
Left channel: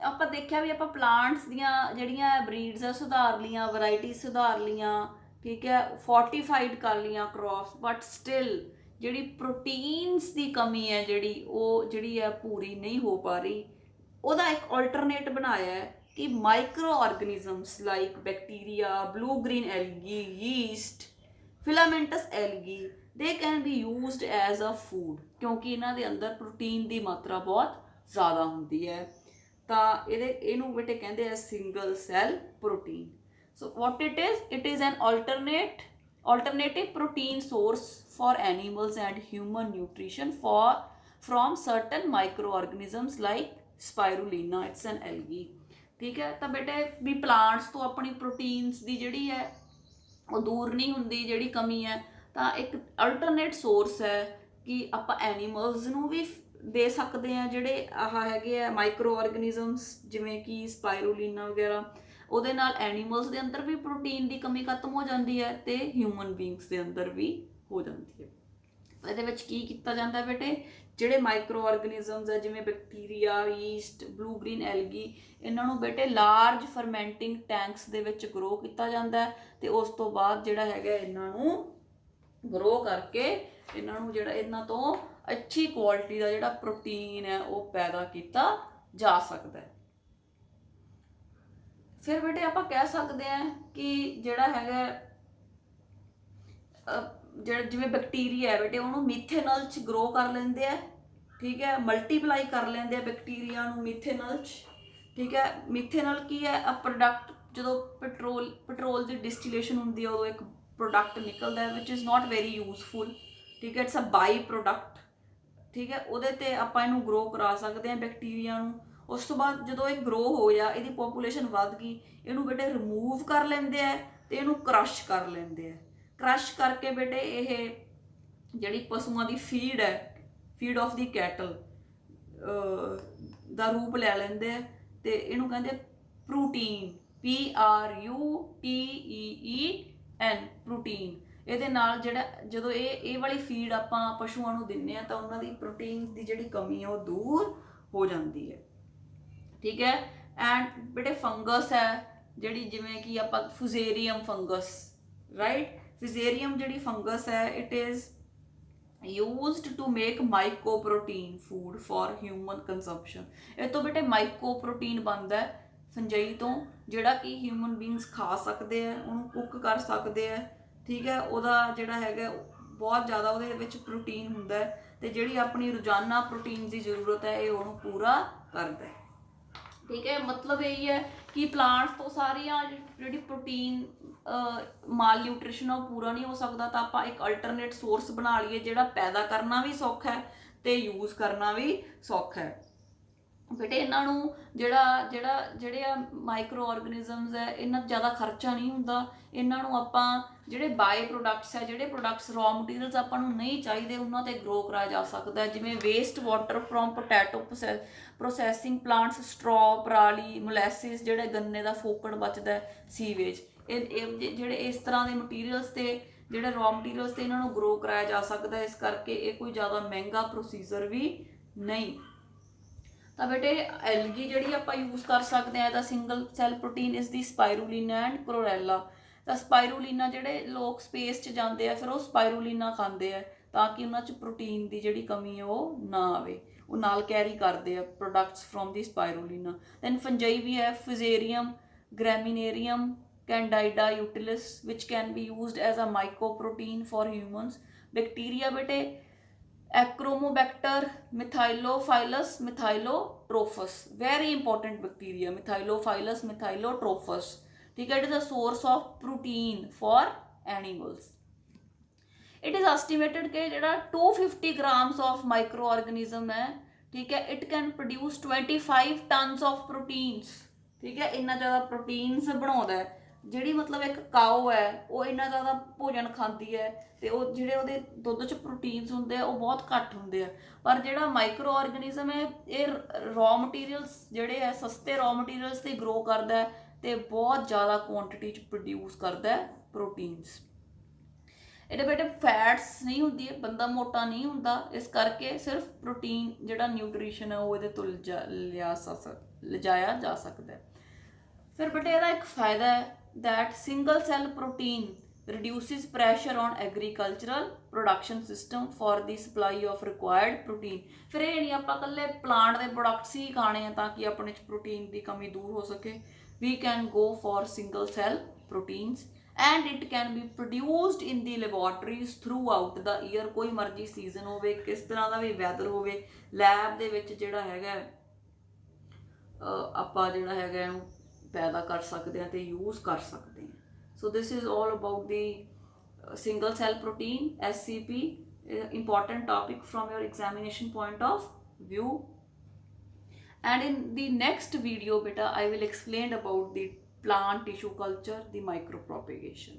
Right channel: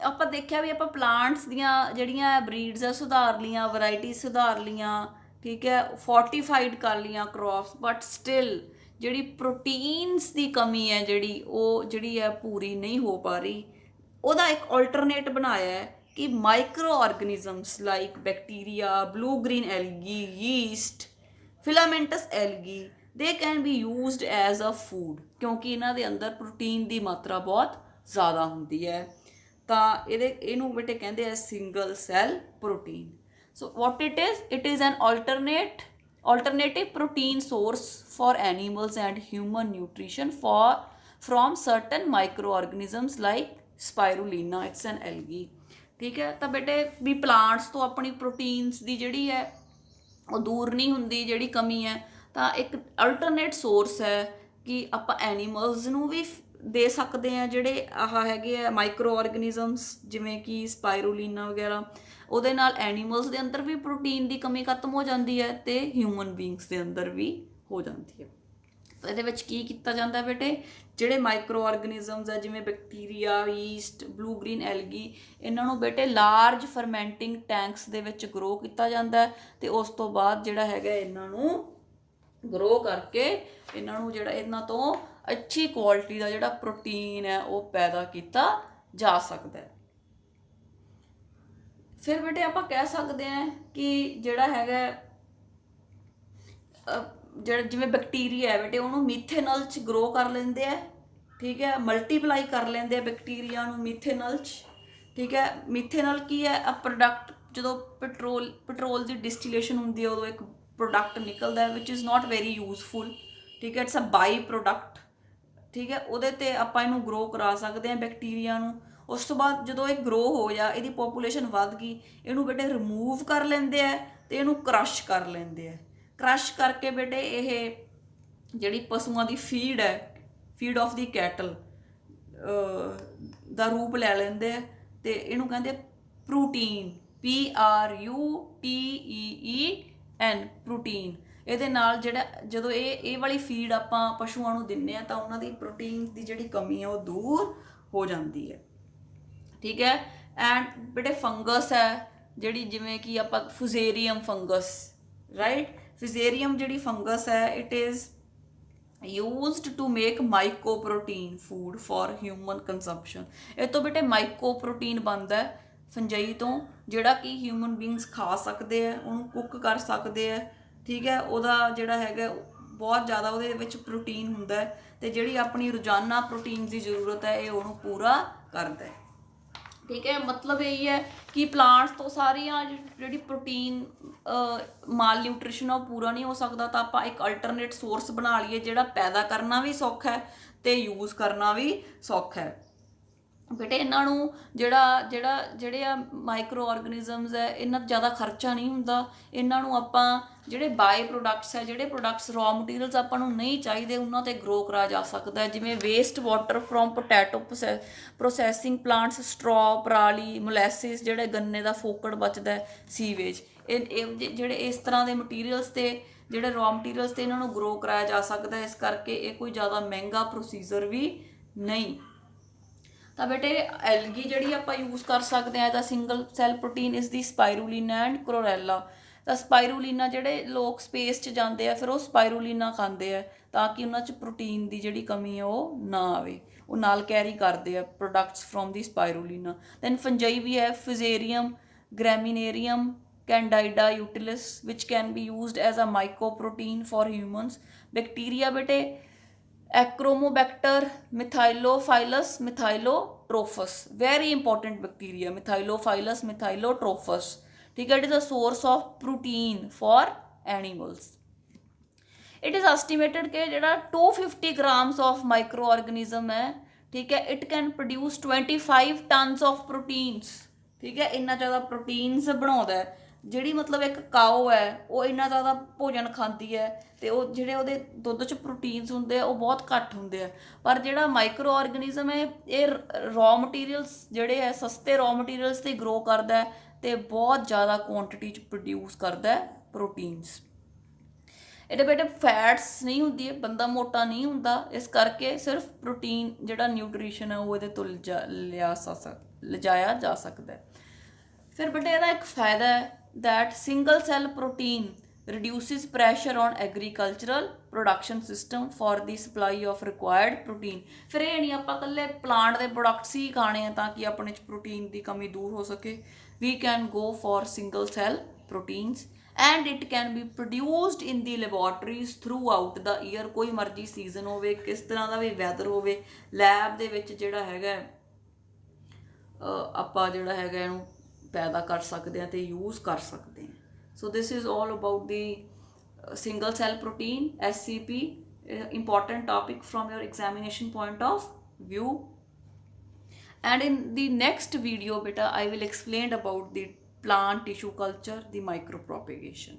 ਆਪਾਂ ਦੇਖਿਆ ਵੀ ਆਪਾਂ ਪਲਾਂਟਸ ਦੀਆਂ ਜਿਹੜੀਆਂ ਬਰੀਡਸ ਆ ਸੁਧਾਰ ਲੀਆਂ, ਵੈਰਾਈਟੀ ਸੁਧਾਰ ਲੀਆਂ, ਠੀਕ ਹੈ, ਫੋਰਟੀਫਾਈਡ ਕਰ ਲੀਆਂ ਕ੍ਰੌਪਸ, ਬਟ ਸਟਿਲ ਜਿਹੜੀ ਪ੍ਰੋਟੀਨਸ ਦੀ ਕਮੀ ਹੈ ਜਿਹੜੀ ਹੈ ਪੂਰੀ ਨਹੀਂ ਹੋ ਪਾ ਰਹੀ। ਉਹਦਾ ਇੱਕ ਆਲਟਰਨੇਟ ਬਣਾਇਆ ਹੈ ਕਿ microorganisms like bacteria, blue green algae, yeast, filamentous algae, they can be used as a food, ਕਿਉਂਕਿ ਇਹਨਾਂ ਦੇ ਅੰਦਰ ਪ੍ਰੋਟੀਨ ਦੀ ਮਾਤਰਾ ਬਹੁਤ ਜ਼ਿਆਦਾ ਹੁੰਦੀ ਹੈ। ਤਾਂ ਇਹਨੂੰ ਬੇਟੇ ਕਹਿੰਦੇ ਆ single cell protein. So what it is an alternative protein source for animals and human nutrition from certain microorganisms like spirulina, it's an algae, ਠੀਕ ਹੈ। ਤਾਂ ਬੇਟੇ ਵੀ ਪਲਾਂਟਸ ਤੋਂ ਆਪਣੀ ਪ੍ਰੋਟੀਨਸ ਦੀ ਜਿਹੜੀ ਹੈ ਉਹ ਦੂਰ ਨਹੀਂ ਹੁੰਦੀ, ਜਿਹੜੀ ਕਮੀ ਹੈ, ਤਾਂ ਇੱਕ ਅਲਟਰਨੇਟ ਸੋਰਸ ਹੈ ਕਿ ਆਪਾਂ ਐਨੀਮਲਸ ਨੂੰ ਵੀ ਦੇ ਸਕਦੇ ਹਾਂ ਜਿਹੜੇ ਹੈਗੇ ਆ ਮਾਈਕਰੋ ਆਰਗੈਨਿਜ਼ਮਸ, ਜਿਵੇਂ ਕਿ ਸਪਾਇਰੂਲੀਨਾ ਵਗੈਰਾ। ਉਹਦੇ ਨਾਲ ਐਨੀਮਲਸ ਦੇ ਅੰਦਰ ਵੀ ਪ੍ਰੋਟੀਨ ਦੀ ਕਮੀ ਖਤਮ ਹੋ ਜਾਂਦੀ ਹੈ ਤੇ ਹਿਊਮਨ ਬੀਇੰਗਸ ਦੇ ਅੰਦਰ ਵੀ ਹੋ ਜਾਂਦੀ ਹੈ। ਤਾਂ ਇਹਦੇ ਵਿੱਚ ਕੀ ਕੀਤਾ ਜਾਂਦਾ ਬੇਟੇ, ਜਿਹੜੇ ਮਾਈਕਰੋ ਆਰਗੈਨਿਜ਼ਮਸ ਹੈ ਜਿਵੇਂ bacteria, yeast, blue green algae, ਇਹਨਾਂ ਨੂੰ ਬੇਟੇ ਲਾਰਜ ਫਰਮੈਂਟਿੰਗ ਟੈਂਕਸ ਦੇ ਵਿੱਚ ਗਰੋ ਕੀਤਾ ਜਾਂਦਾ ਹੈ ਤੇ ਉਸ ਤੋਂ ਬਾਅਦ ਜਿਹੜਾ ਹੈਗਾ ਇਹਨਾਂ ਨੂੰ ਗਰੋ ਕਰਕੇ ਇਹਨਾਂ ਤੋਂ ਅੱਛੀ ਕੁਆਲਿਟੀ ਦਾ ਜਿਹੜਾ ਪ੍ਰੋਟੀਨ ਹੈ ਉਹ ਪੈਦਾ ਕੀਤਾ ਜਾ ਸਕਦਾ ਹੈ। ਫਿਰ ਬੇਟੇ ਆਪਾਂ ਕਹਿ ਸਕਦੇ ਹਾਂ ਕਿ ਜਿਹੜਾ ਹੈਗਾ ਜਿਵੇਂ ਬੈਕਟੀਰੀਆ ਹੈ ਬੇਟੇ, ਉਹਨੂੰ ਮੀਥੇਨਲ 'ਚ ਗਰੋ ਕਰ ਲੈਂਦੇ ਆ, ਠੀਕ ਹੈ, ਮਲਟੀਪਲਾਈ ਕਰ ਲੈਂਦੇ ਆ ਬੈਕਟੀਰੀਆ ਨੂੰ ਮੀਥੇਨਲ 'ਚ, ਠੀਕ ਹੈ। ਮੀਥੇਨਲ ਕੀ ਹੈ, ਪ੍ਰੋਡਕਟ ਜਦੋਂ ਪੈਟਰੋਲ ਦੀ ਡਿਸਟੀਲੇਸ਼ਨ ਹੁੰਦੀ ਹੈ ਉਦੋਂ ਇੱਕ ਪ੍ਰੋਡਕਟ ਨਿਕਲਦਾ ਵਿਚ ਇਜ਼ ਨਾਟ ਵੈਰੀ ਯੂਜ਼ਫੁਲ, ਠੀਕ ਹੈ, ਇਟਸ ਅ ਬਾਈ ਪ੍ਰੋਡਕਟ, ਠੀਕ ਹੈ। ਉਹਦੇ 'ਤੇ ਆਪਾਂ ਇਹਨੂੰ ਗਰੋ ਕਰਾ ਸਕਦੇ ਹਾਂ ਬੈਕਟੀਰੀਆ ਨੂੰ। ਉਸ ਤੋਂ ਬਾਅਦ ਜਦੋਂ ਇਹ ਗਰੋ ਹੋ ਜਾ, ਇਹਦੀ ਪੋਪੂਲੇਸ਼ਨ ਵੱਧ ਗਈ, ਇਹਨੂੰ ਬੇਟੇ ਰਿਮੂਵ ਕਰ ਲੈਂਦੇ ਆ ਤੇ ਇਹਨੂੰ ਕ੍ਰਸ਼ ਕਰ ਲੈਂਦੇ ਆ। ਕ੍ਰਸ਼ ਕਰਕੇ ਬੇਟੇ ਇਹ ਜਿਹੜੀ ਪਸ਼ੂਆਂ ਦੀ ਫੀਡ ਹੈ, ਫੀਡ ਆਫ ਦੀ ਕੈਟਲ ਦਾ ਰੂਪ ਲੈ ਲੈਂਦੇ ਆ ਤੇ ਇਹਨੂੰ ਕਹਿੰਦੇ ਪ੍ਰੋਟੀਨ, PRUTEEN, ਪ੍ਰੋਟੀਨ। ਇਹਦੇ ਨਾਲ ਜਦੋਂ ਇਹ ਵਾਲੀ ਫੀਡ ਆਪਾਂ ਪਸ਼ੂਆਂ ਨੂੰ ਦਿੰਦੇ ਆ ਤਾਂ ਉਹਨਾਂ ਦੀ ਪ੍ਰੋਟੀਨ ਦੀ ਜਿਹੜੀ ਕਮੀ ਹੈ ਉਹ ਦੂਰ ਹੋ ਜਾਂਦੀ ਹੈ, ਠੀਕ ਹੈ। ਐਂਡ ਬੇਟੇ ਫੰਗਸ ਹੈ ਜਿਹੜੀ, ਜਿਵੇਂ ਕਿ ਆਪਾਂ ਫੁਜ਼ੇਰੀਅਮ ਫੰਗਸ, ਰਾਈਟ, ਫਿਜ਼ੇਰੀਅਮ ਜਿਹੜੀ ਫੰਗਸ ਹੈ it is used to make mycoprotein food for human consumption. ਇਹ ਤੋਂ ਬੇਟੇ ਮਾਈਕੋ ਪ੍ਰੋਟੀਨ ਬਣਦਾ ਹੈ ਫੰਜਾਈ ਤੋਂ, ਜਿਹੜਾ ਕਿ ਹਿਊਮਨ ਬੀਇੰਗਸ ਖਾ ਸਕਦੇ ਆ, ਉਹਨੂੰ ਕੁੱਕ ਕਰ ਸਕਦੇ ਆ, ਠੀਕ ਹੈ। ਉਹਦਾ ਜਿਹੜਾ ਹੈਗਾ ਬਹੁਤ ਜ਼ਿਆਦਾ ਉਹਦੇ ਵਿੱਚ ਪ੍ਰੋਟੀਨ ਹੁੰਦਾ ਹੈ ਤੇ ਜਿਹੜੀ ਆਪਣੀ ਰੋਜ਼ਾਨਾ ਪ੍ਰੋਟੀਨ ਦੀ ਜ਼ਰੂਰਤ ਹੈ ਇਹ ਉਹਨੂੰ ਪੂਰਾ ਕਰਦਾ ਹੈ, ਠੀਕ ਹੈ। ਮਤਲਬ ਇਹ ਹੈ ਕਿ ਪਲਾਂਟਸ ਤੋਂ ਸਾਰੀਆਂ ਜਿਹੜੀ ਪ੍ਰੋਟੀਨ ਮਾਲ ਨਿਊਟ੍ਰੀਸ਼ਨ ਉਹ ਪੂਰਾ ਨਹੀਂ ਹੋ ਸਕਦਾ, ਤਾਂ ਆਪਾਂ ਇੱਕ ਅਲਟਰਨੇਟ ਸੋਰਸ ਬਣਾ ਲਈਏ ਜਿਹੜਾ ਪੈਦਾ ਕਰਨਾ ਵੀ ਸੌਖਾ ਹੈ ਤੇ ਯੂਜ਼ ਕਰਨਾ ਵੀ ਸੌਖਾ ਹੈ। ਬੇਟੇ ਇਹਨਾਂ ਨੂੰ ਜਿਹੜੇ ਆ ਮਾਈਕਰੋ ਆਰਗੇਨਿਜ਼ਮਸ ਹੈ, ਇਹਨਾਂ ਜ਼ਿਆਦਾ ਖਰਚਾ ਨਹੀਂ ਹੁੰਦਾ। ਇਹਨਾਂ ਨੂੰ ਆਪਾਂ ਜਿਹੜੇ ਬਾਈ ਪ੍ਰੋਡਕਟਸ ਹੈ, ਜਿਹੜੇ ਪ੍ਰੋਡਕਟਸ ਰॉ ਮਟੀਰੀਅਲਸ ਆਪਾਂ ਨੂੰ ਨਹੀਂ ਚਾਹੀਦੇ, ਉਹਨਾਂ ਤੇ ਗਰੋ ਕਰਾਇਆ ਜਾ ਸਕਦਾ ਹੈ। ਜਿਵੇਂ waste water from potato processing plants, straw, ਪਰਾਲੀ, ਮੋਲੈਸਿਸ, ਜਿਹੜੇ ਗੰਨੇ ਦਾ ਫੋਕੜ ਬਚਦਾ, ਸੀਵੇਜ, ਇਹ ਜਿਹੜੇ ਇਸ ਤਰ੍ਹਾਂ ਦੇ ਮਟੀਰੀਅਲਸ ਤੇ ਜਿਹੜੇ ਰॉ ਮਟੀਰੀਅਲਸ ਤੇ ਇਹਨਾਂ ਨੂੰ ਗਰੋ ਕਰਾਇਆ ਜਾ ਸਕਦਾ। ਇਸ ਕਰਕੇ ਇਹ ਕੋਈ ਜ਼ਿਆਦਾ ਮਹਿੰਗਾ ਪ੍ਰੋਸੀਜਰ ਵੀ ਨਹੀਂ। ਤਾਂ ਬੇਟੇ ਐਲਗੀ ਜਿਹੜੀ ਆਪਾਂ ਯੂਜ਼ ਕਰ ਸਕਦੇ ਹਾਂ, ਤਾਂ ਸਿੰਗਲ ਸੈਲ ਪ੍ਰੋਟੀਨ ਇਸ ਦੀ ਸਪਾਇਰੂਲੀਨਾ ਐਂਡ ਕਲੋਰੈਲਾ। ਤਾਂ ਸਪਾਇਰੂਲੀਨਾ ਜਿਹੜੇ ਲੋਕ ਸਪੇਸ 'ਚ ਜਾਂਦੇ ਆ, ਫਿਰ ਉਹ ਸਪਾਇਰੂਲੀਨਾ ਖਾਂਦੇ ਆ ਤਾਂ ਕਿ ਉਹਨਾਂ 'ਚ ਪ੍ਰੋਟੀਨ ਦੀ ਜਿਹੜੀ ਕਮੀ ਹੈ ਉਹ ਨਾ ਆਵੇ, ਉਹ ਨਾਲ ਕੈਰੀ ਕਰਦੇ ਆ products from the spirulina. Then fungi ਵੀ ਹੈ, Fusarium, graminearum, Candida utilis, which can be used as a mycoprotein for humans. Bacteria ਬੇਟੇ Achromobacter, Methylophilus methylotrophus, very important bacteria, Methylophilus methylotrophus, ठीक है। It is a source of protein for animals. It is estimated कि जो 250 grams of micro organism है, ठीक है, it can produce 25 tons of proteins, ठीक है। इन्ना ज़्यादा प्रोटीन्स बनाता है। ਜਿਹੜੀ ਮਤਲਬ ਇੱਕ ਕਾਓ ਹੈ ਉਹ ਇੰਨਾ ਜ਼ਿਆਦਾ ਭੋਜਨ ਖਾਂਦੀ ਹੈ ਤੇ ਉਹ ਜਿਹੜੇ ਉਹਦੇ ਦੁੱਧ 'ਚ ਪ੍ਰੋਟੀਨਸ ਹੁੰਦੇ ਆ ਉਹ ਬਹੁਤ ਘੱਟ ਹੁੰਦੇ ਆ। ਪਰ ਜਿਹੜਾ ਮਾਈਕਰੋ ਆਰਗੇਨਿਜ਼ਮ ਹੈ ਇਹ ਰॉ ਮਟੀਰੀਅਲਸ ਜਿਹੜੇ ਹੈ, ਸਸਤੇ ਰॉ ਮਟੀਰੀਅਲਸ ਤੇ ਗਰੋ ਕਰਦਾ ਹੈ ਤੇ ਬਹੁਤ ਜ਼ਿਆਦਾ ਕੁਆਂਟੀਟੀ 'ਚ ਪ੍ਰੋਡਿਊਸ ਕਰਦਾ ਹੈ ਪ੍ਰੋਟੀਨਸ। ਇਹਦੇ ਬੇਟੇ ਫੈਟਸ ਨਹੀਂ ਹੁੰਦੀ, ਬੰਦਾ ਮੋਟਾ ਨਹੀਂ ਹੁੰਦਾ, ਇਸ ਕਰਕੇ ਸਿਰਫ ਪ੍ਰੋਟੀਨ ਜਿਹੜਾ ਨਿਊਟ੍ਰੀਸ਼ਨ ਹੈ ਉਹ ਇਹਦੇ ਤੋਂ ਲਿਜਾਇਆ ਜਾ ਸਕਦਾ ਹੈ। ਫਿਰ ਬੇਟੇ ਇਹਦਾ ਇੱਕ ਫਾਇਦਾ ਹੈ that single cell protein reduces pressure on agricultural production system for the supply of required protein। ਫਿਰ ਇਹ ਨਹੀਂ ਆਪਾਂ ਇਕੱਲੇ ਪਲਾਂਟ ਦੇ ਪ੍ਰੋਡਕਟਸ ਹੀ ਖਾਣੇ ਆ ਤਾਂ ਕਿ ਆਪਣੇ 'ਚ ਪ੍ਰੋਟੀਨ ਦੀ ਕਮੀ ਦੂਰ ਹੋ ਸਕੇ। we can go for single cell proteins and it can be produced in the laboratories throughout the year। ਕੋਈ ਮਰਜ਼ੀ ਸੀਜ਼ਨ ਹੋਵੇ, ਕਿਸ ਤਰ੍ਹਾਂ ਦਾ ਵੀ ਵੈਦਰ ਹੋਵੇ, ਲੈਬ ਦੇ ਵਿੱਚ ਜਿਹੜਾ ਹੈਗਾ ਆਪਾਂ ਜਿਹੜਾ ਹੈਗਾ ਇਹਨੂੰ पैदा कर सकते हैं तो यूज़ कर सकते हैं। So this is all about the single cell protein, SCP, important topic from your examination point of view। and in the next video beta I will explain about the plant tissue culture, the micropropagation।